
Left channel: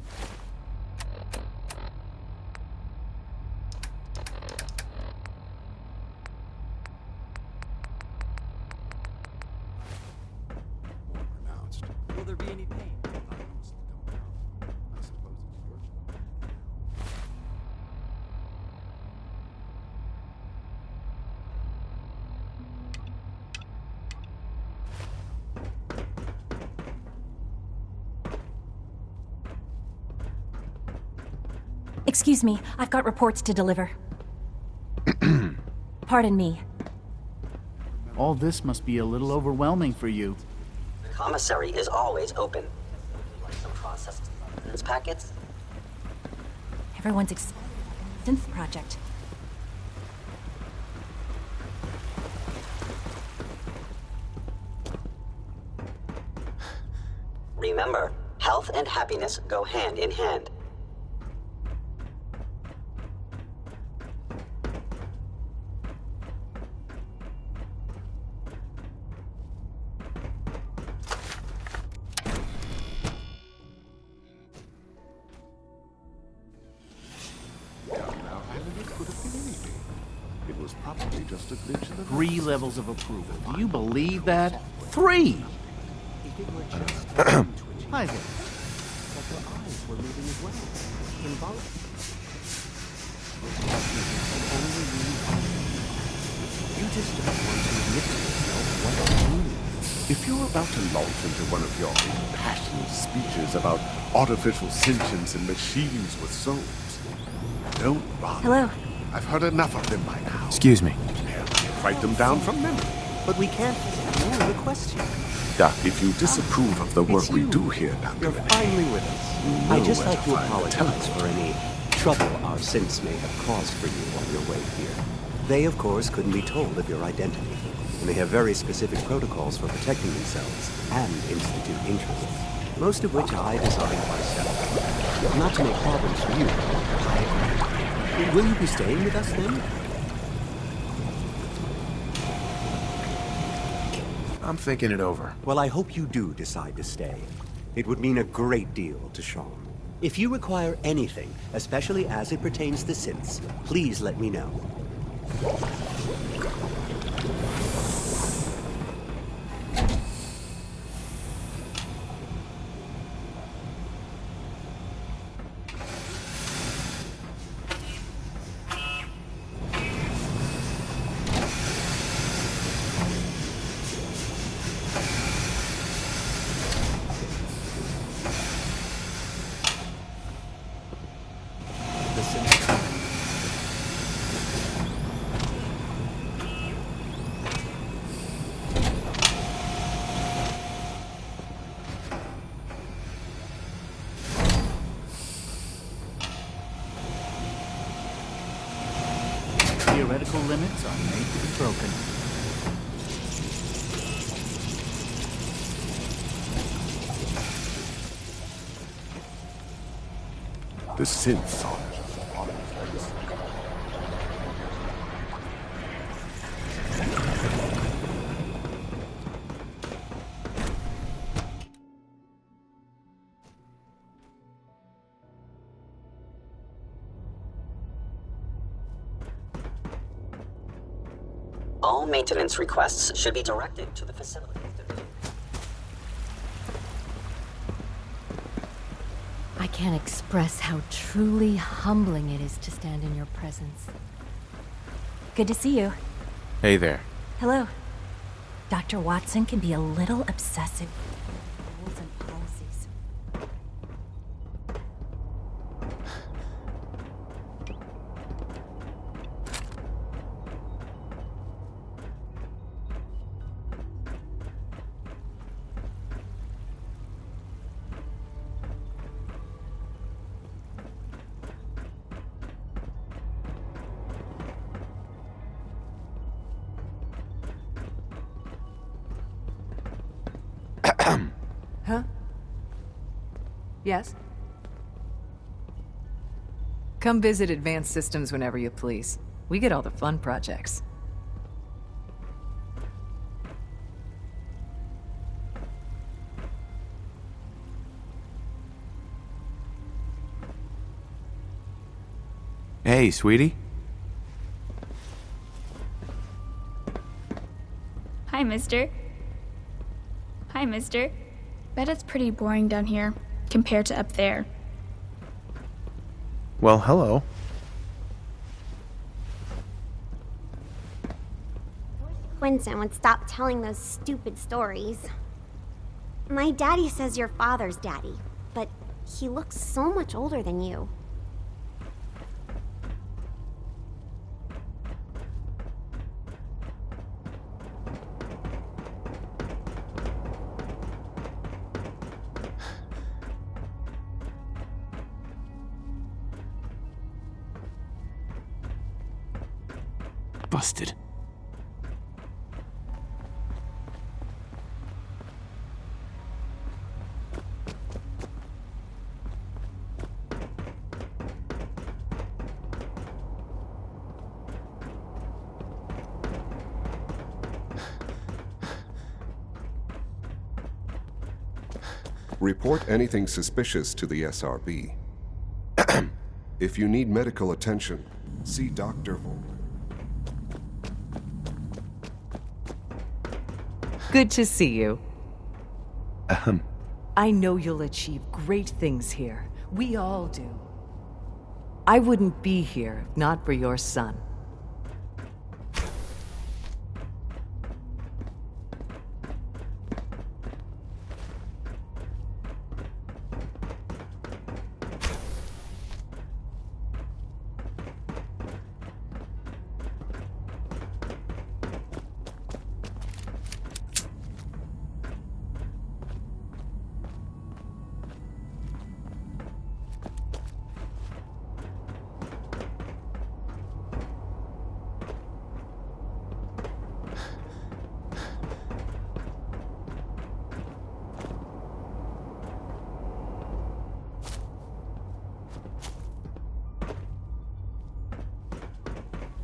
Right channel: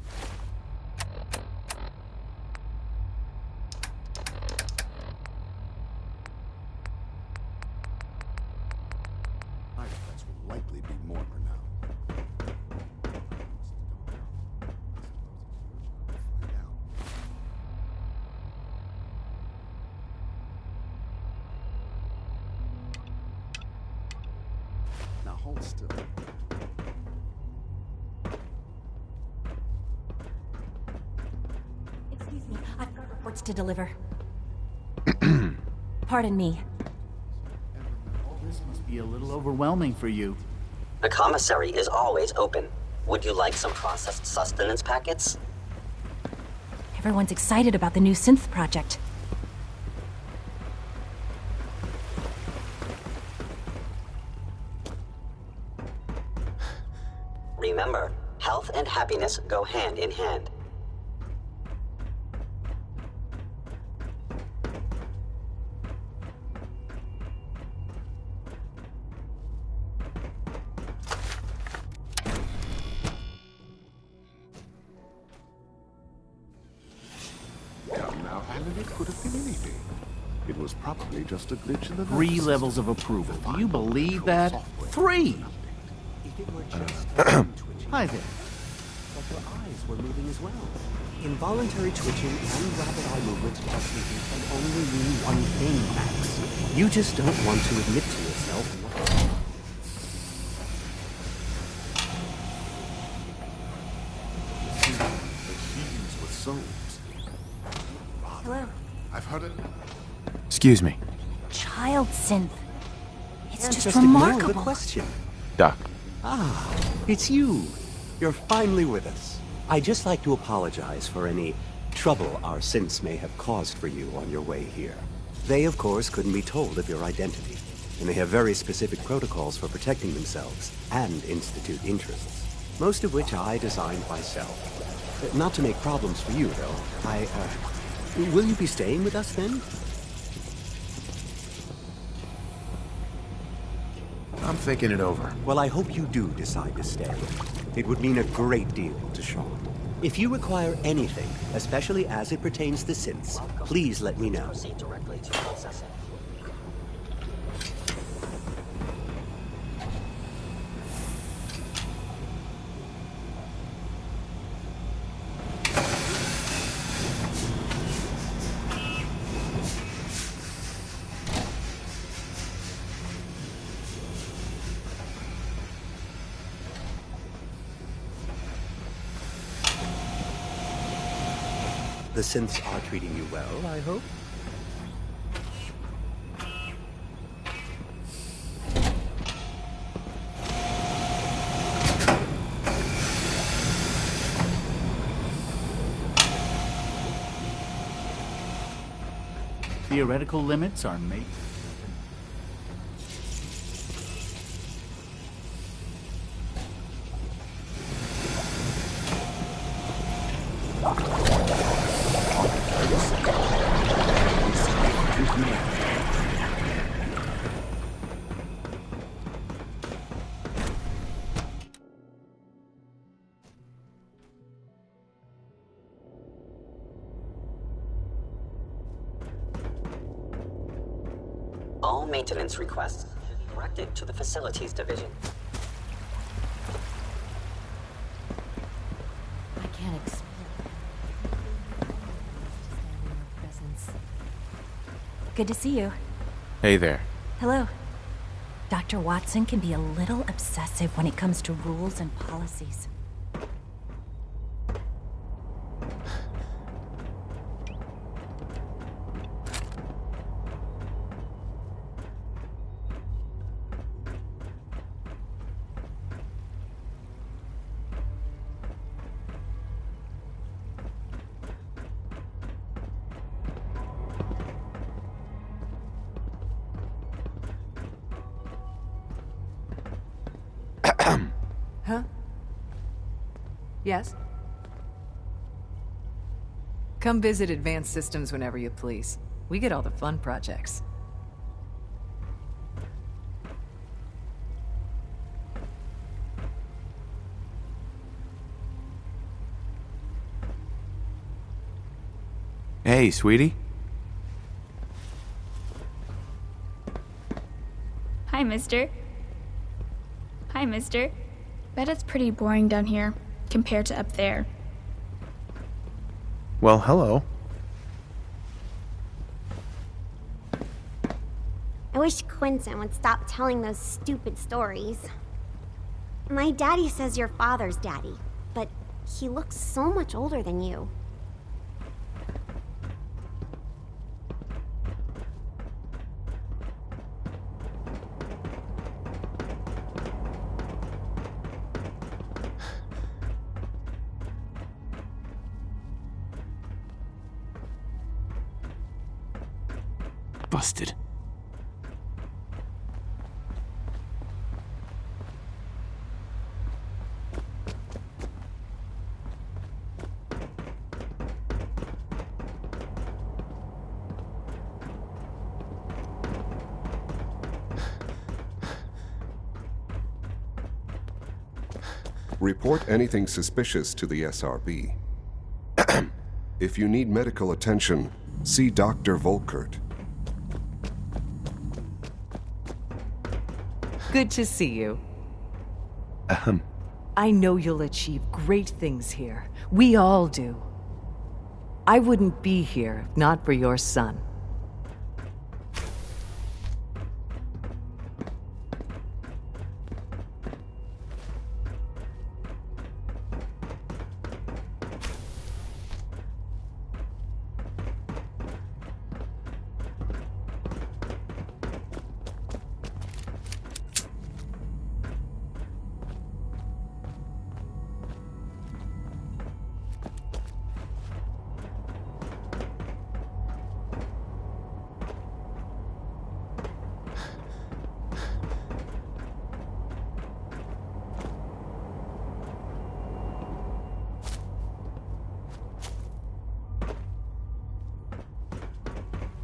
effects will likely be more pronounced. Will there be any pain? I honestly don't know. I suppose it's your job to find out. Excuse me, I've got reports to deliver. Pardon me. All this must be a little overwhelming for you. The commissary is always open. Would you like some processed sustenance packets? Everyone's excited about the new synth project. Remember, health and happiness go hand in hand. Now, Alan, it could have been anything. It was probably just a glitch in the 3 levels of approval. Do you believe that? 3! Hi there. But her eyes were moving as well. Involuntary twitching and rapid eye movements while sleeping can only mean one thing, Max. You just don't want to admit to yourself what it means. If you're about to launch into one of your passionate speeches about artificial sentience and machines with souls, don't bother. Hello. I've heard enough of them by now. Excuse me. Write them down from memory. But we can't just ignore the question. Doc. If you disapprove of the work we do here, You're finally with us. I'd just like to apologize for any trouble our synths may have caused for you on your way here. They, of course, couldn't be told of your identity, and they have very specific protocols for protecting themselves and Institute interests, most of which I designed myself. Not to make problems for you, though. Will you be staying with us then? I'm thinking it over. Well, I hope you do decide to stay. It would mean a great deal to Sean. If you require anything, especially as it pertains to synths, please let me know. The synths are treating you well, I hope. Theoretical limits are made to be broken. the synths are All maintenance requests should be directed to the Facilities Division. I can't express how truly humbling it is to stand in your presence. Good to see you. Hey there. Hello. Dr. Watson can be a little obsessive when it comes to rules and policies. Huh? Yes? Come visit Advanced Systems whenever you please. We get all the fun projects. Hey, sweetie. Hi, mister. Hi, mister. Bet it's pretty boring down here, compared to up there. Well, hello. I wish Quinton would stop telling those stupid stories. My daddy says your father's daddy, but he looks so much older than you. Busted. Report anything suspicious to the SRB. If you need medical attention, see Dr. Volkert. Good to see you. I know you'll achieve great things here. We all do. I wouldn't be here if not for your son.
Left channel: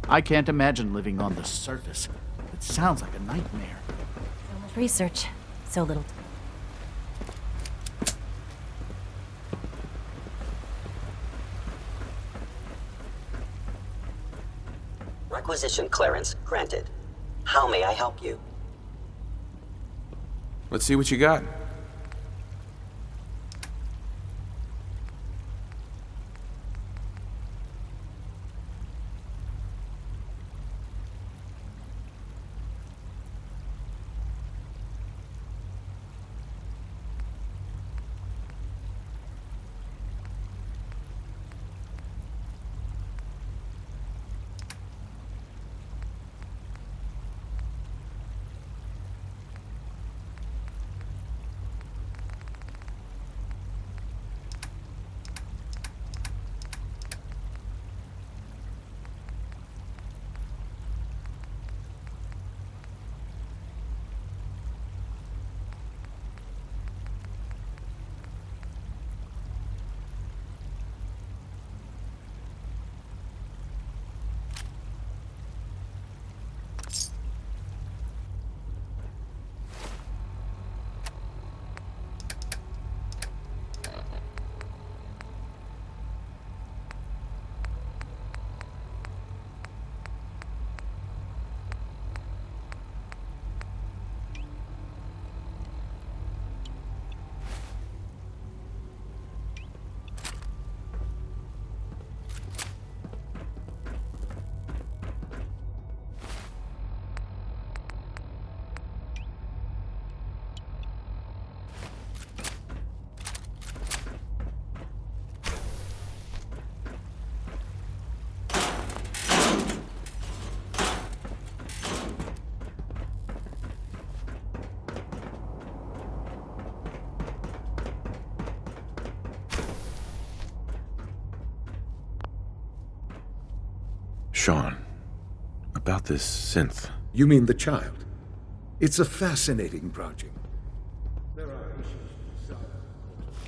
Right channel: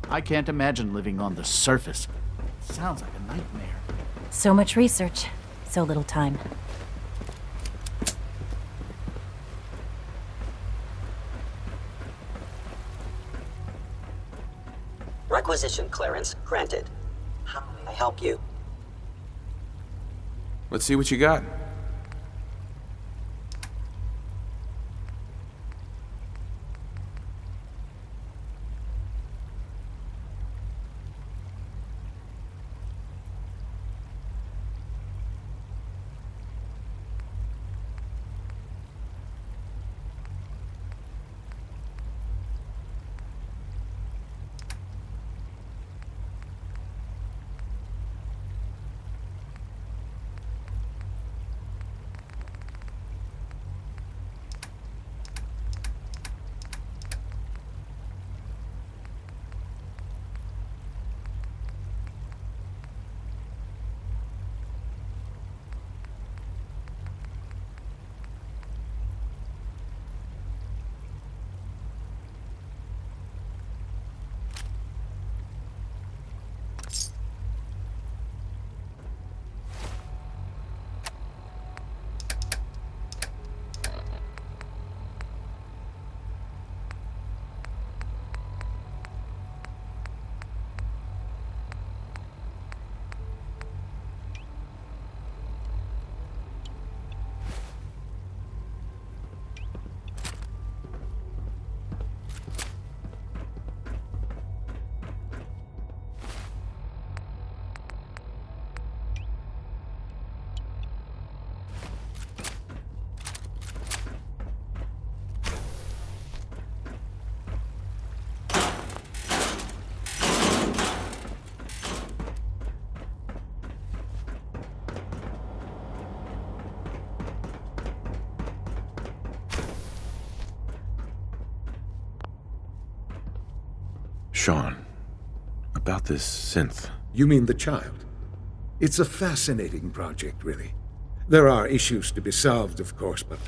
I can't imagine living on the surface. It sounds like a nightmare. So much research, so little time. Requisition clearance granted. How may I help you? Let's see what you got. Sean, about this synth. You mean the child? It's a fascinating project, really. There are issues to be solved, of course, but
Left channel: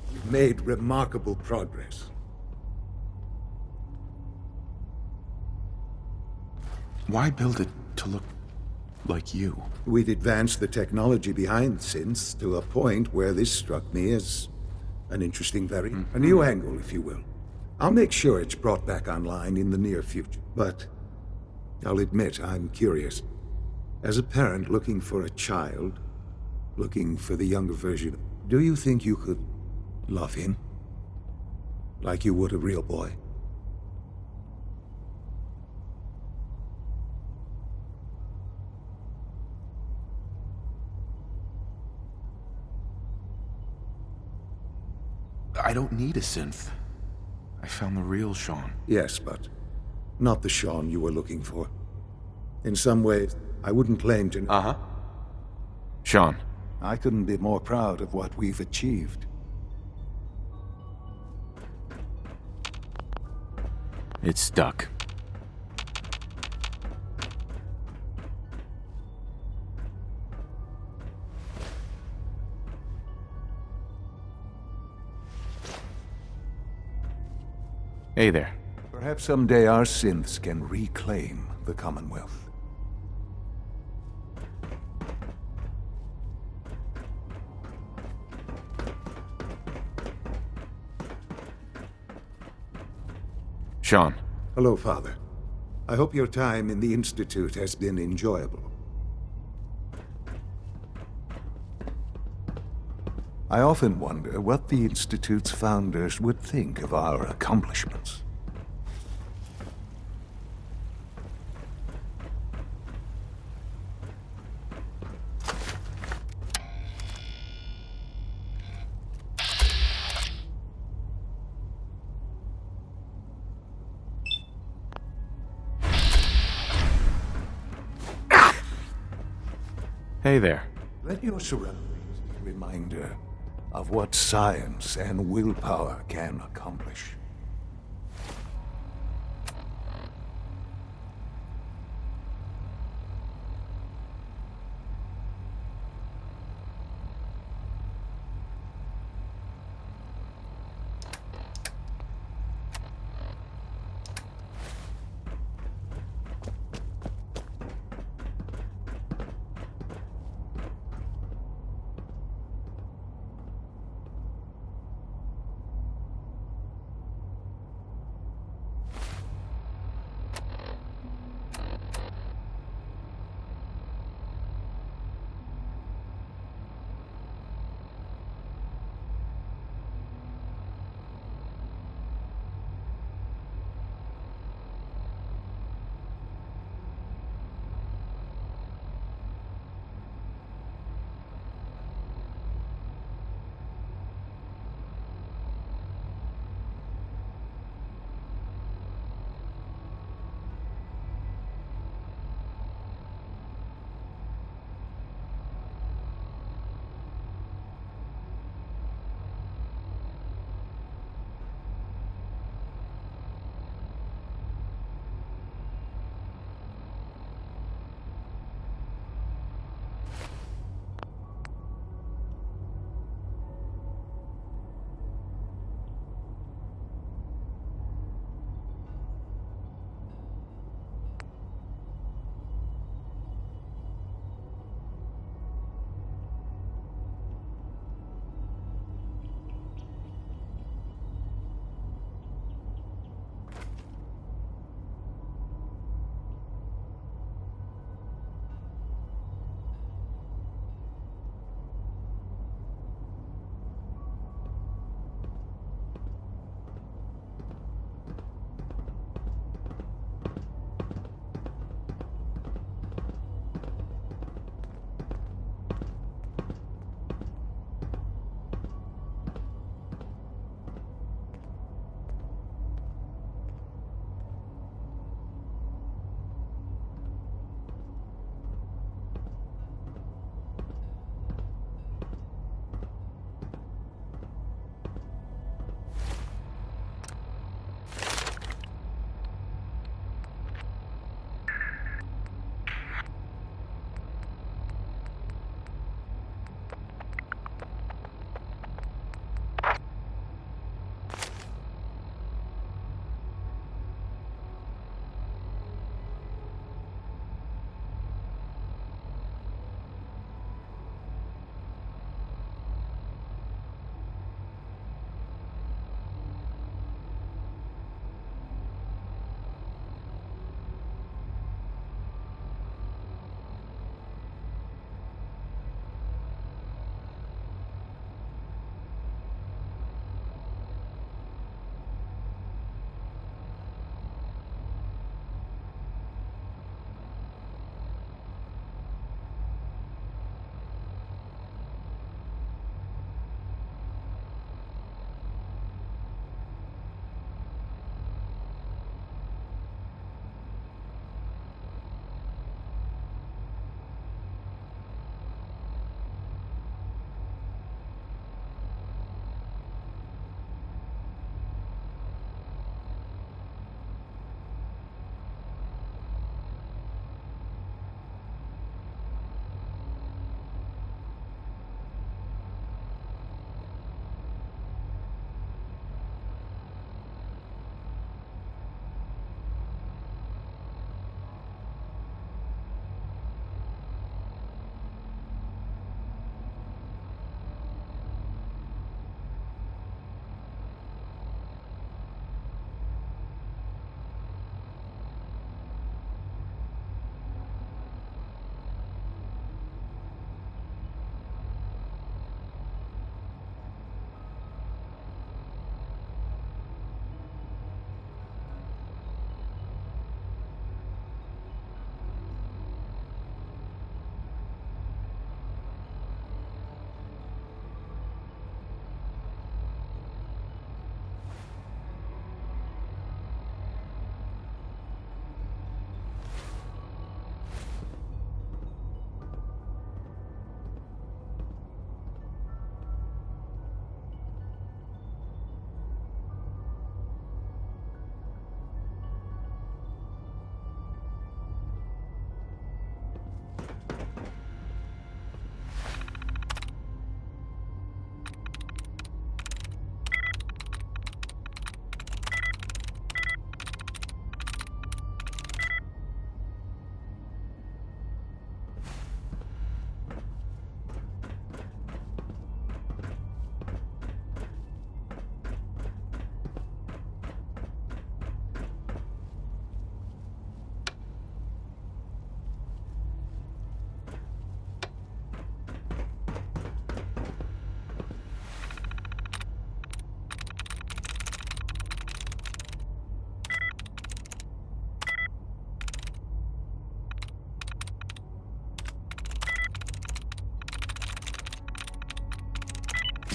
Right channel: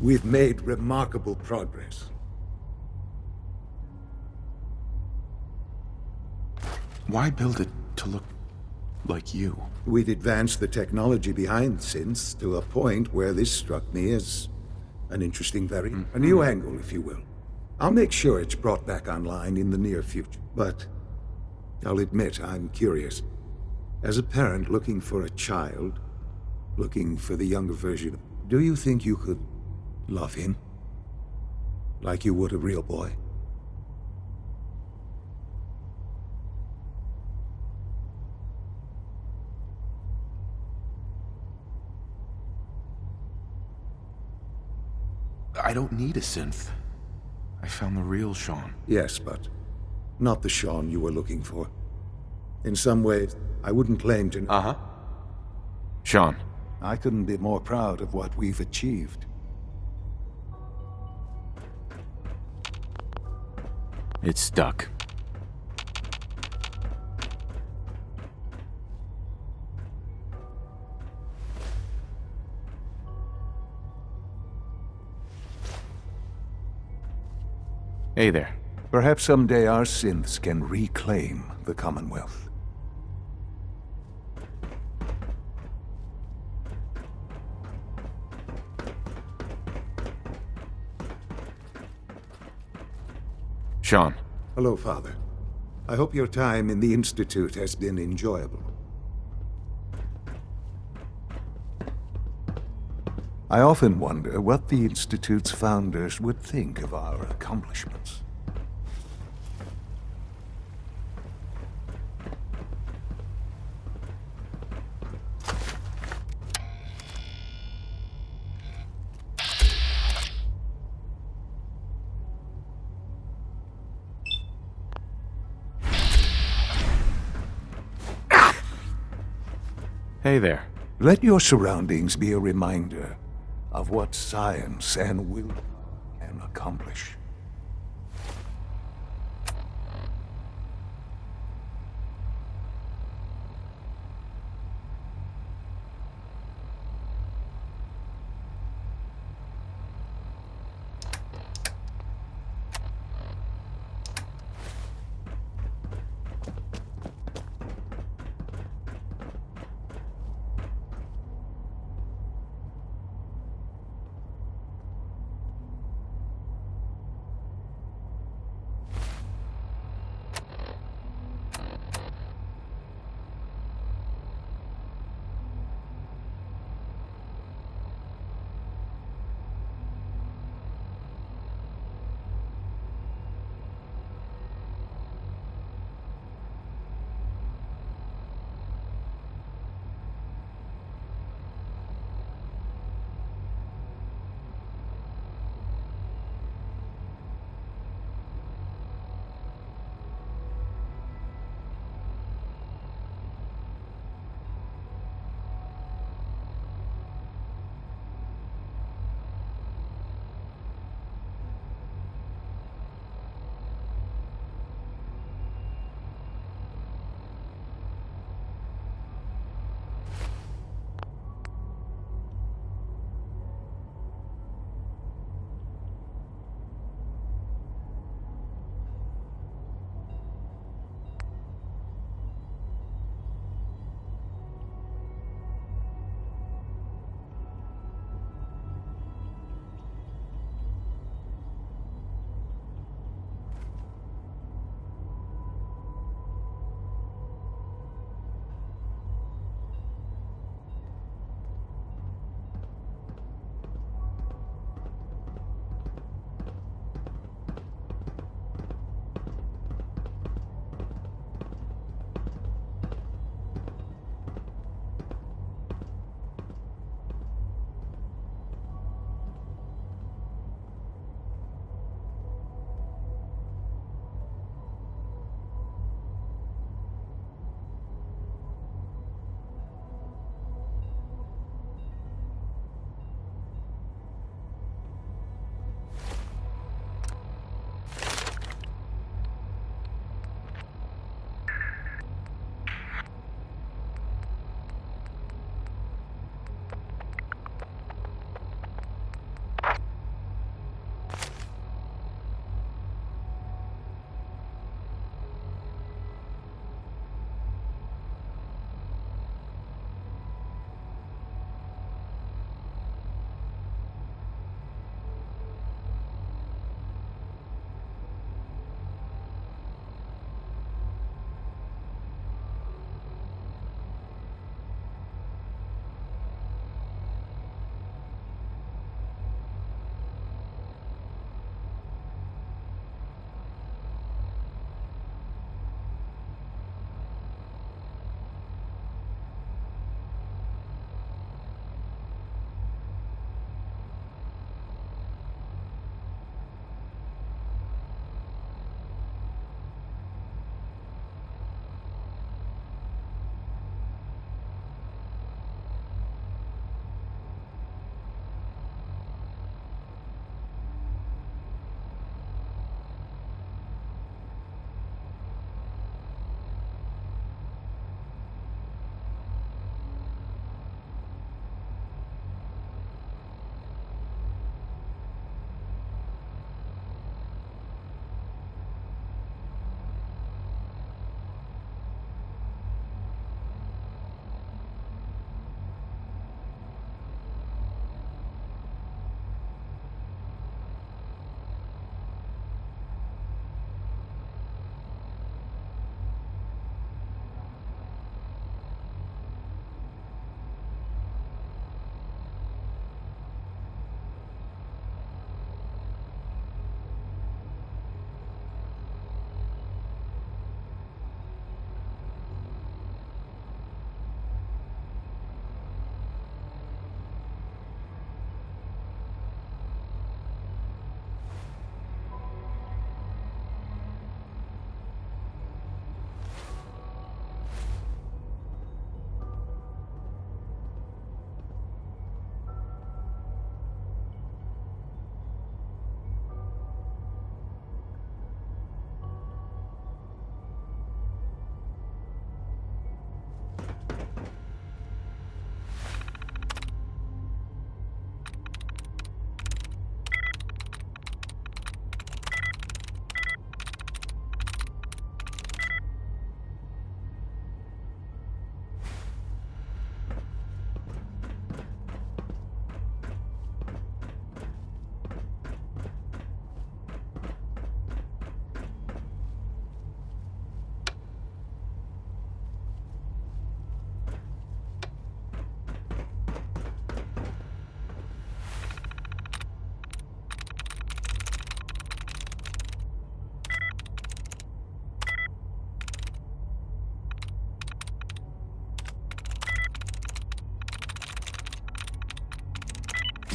we've made remarkable progress. Why build it to look like you? We'd advanced the technology behind synths to a point where this struck me as an interesting variant. A new angle, if you will. I'll make sure it's brought back online in the near future. But I'll admit I'm curious. As a parent looking for a child, looking for the younger version, do you think you could love him? Like you would a real boy? I don't need a synth. I found the real Sean. Yes, but not the Sean you were looking for. In some ways, I wouldn't claim to... Uh-huh. Sean. I couldn't be more proud of what we've achieved. It's stuck. Hey there. Perhaps someday our synths can reclaim the Commonwealth. Sean. Hello, Father. I hope your time in the Institute has been enjoyable. I often wonder what the Institute's founders would think of our accomplishments. Hey there. Let your surroundings be a reminder of what science and willpower can accomplish.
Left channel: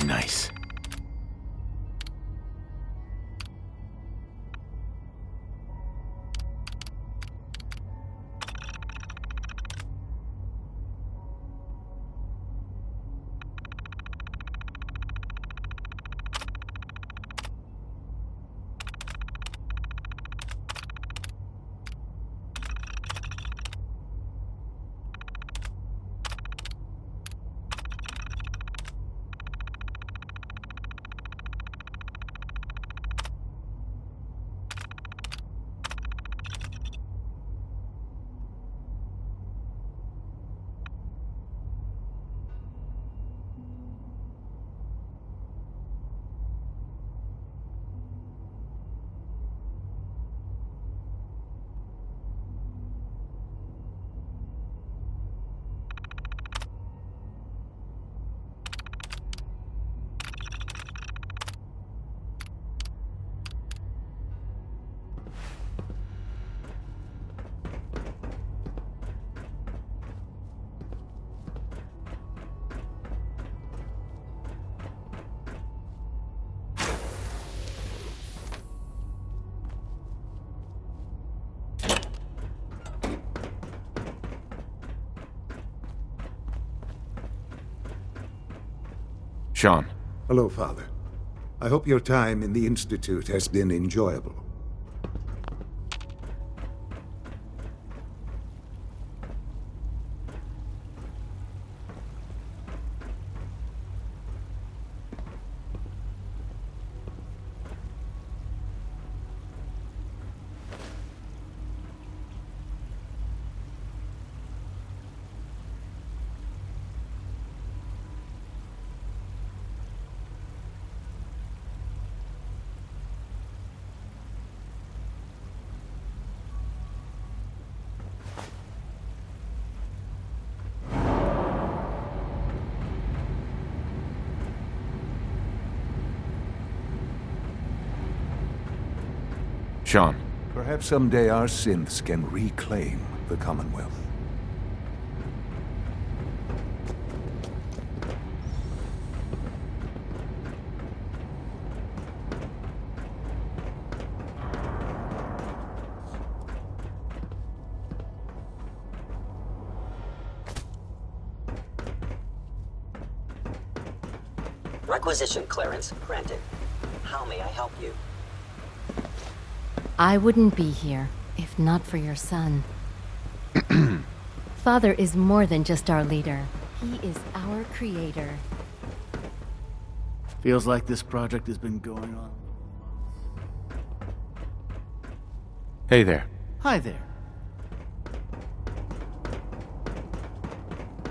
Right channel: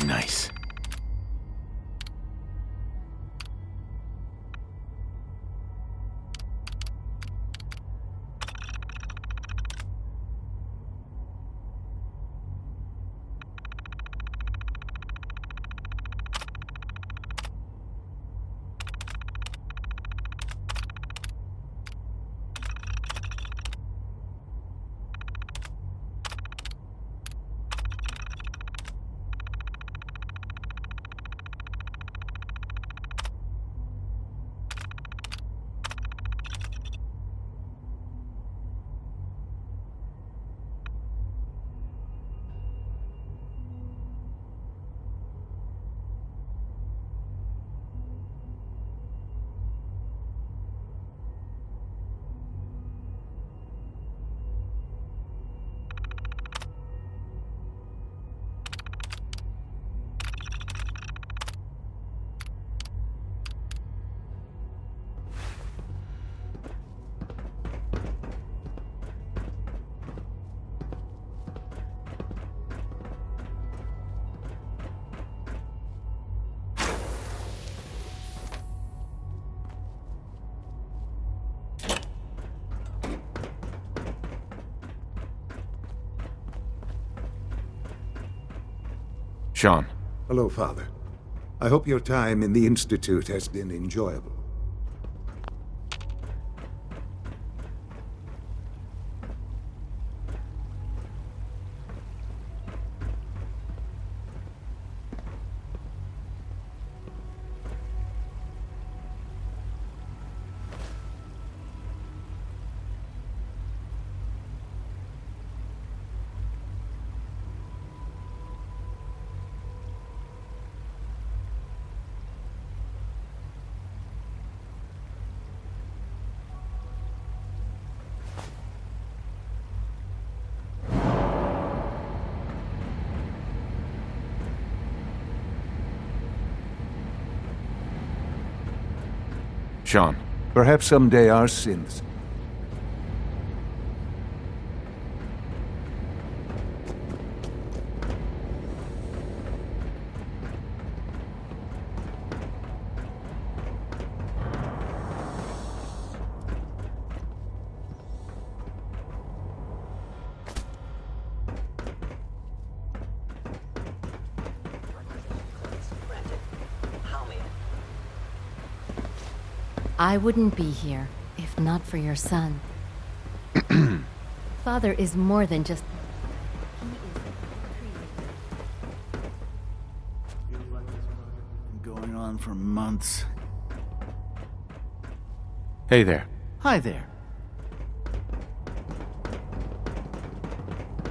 Nice. Sean. Hello, Father. I hope your time in the Institute has been enjoyable. Sean. Perhaps someday our synths can reclaim the Commonwealth. Requisition clearance granted. How may I help you? I wouldn't be here if not for your son. Father is more than just our leader. He is our creator. Feels like this project has been going on for months. Hey there. Hi there.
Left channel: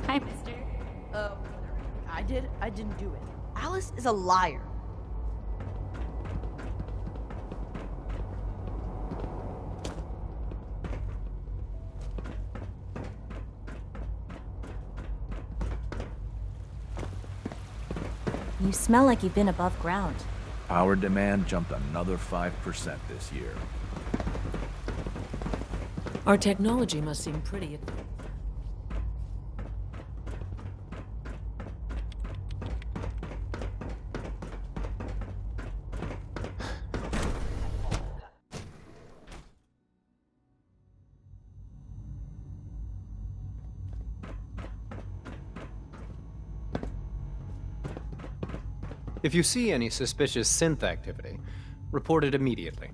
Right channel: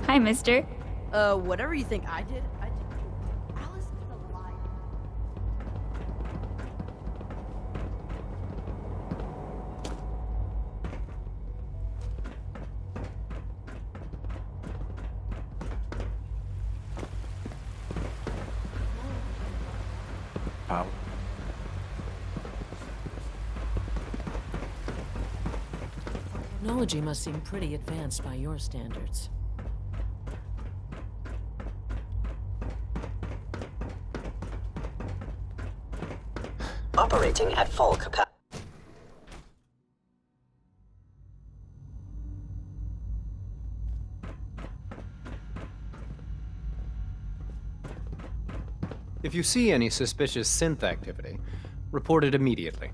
Hi, mister. Whatever you think I did, I didn't do it. Alice is a liar. You smell like you've been above ground. Power demand jumped another 5% this year. Our technology must seem pretty advanced by your standards. Operating at full capacity. If you see any suspicious synth activity, report it immediately.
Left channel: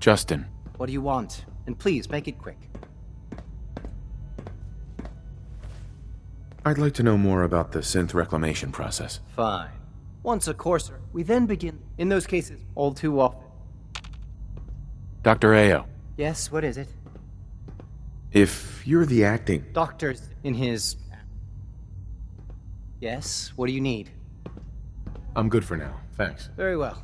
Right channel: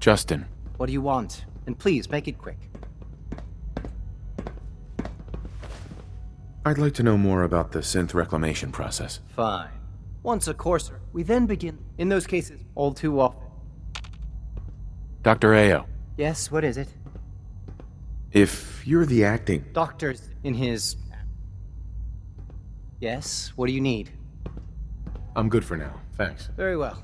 Justin. What do you want? And please, make it quick. I'd like to know more about the synth reclamation process. Fine. Once a courser, we then begin. In those cases, all too often. Dr. Ayo. Yes, what is it? If you're the acting... Doctor's in his... Yes, what do you need? I'm good for now, thanks. Very well.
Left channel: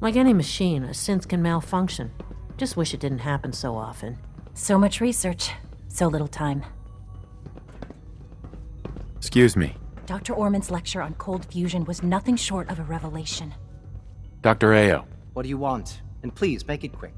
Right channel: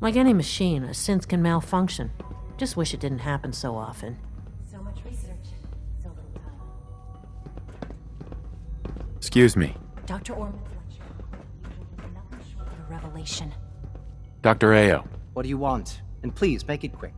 Like any machine, a synth can malfunction. Just wish it didn't happen so often. So much research, so little time. Excuse me. Dr. Orman's lecture on cold fusion was nothing short of a revelation. Dr. Ayo. What do you want? And please, make it quick.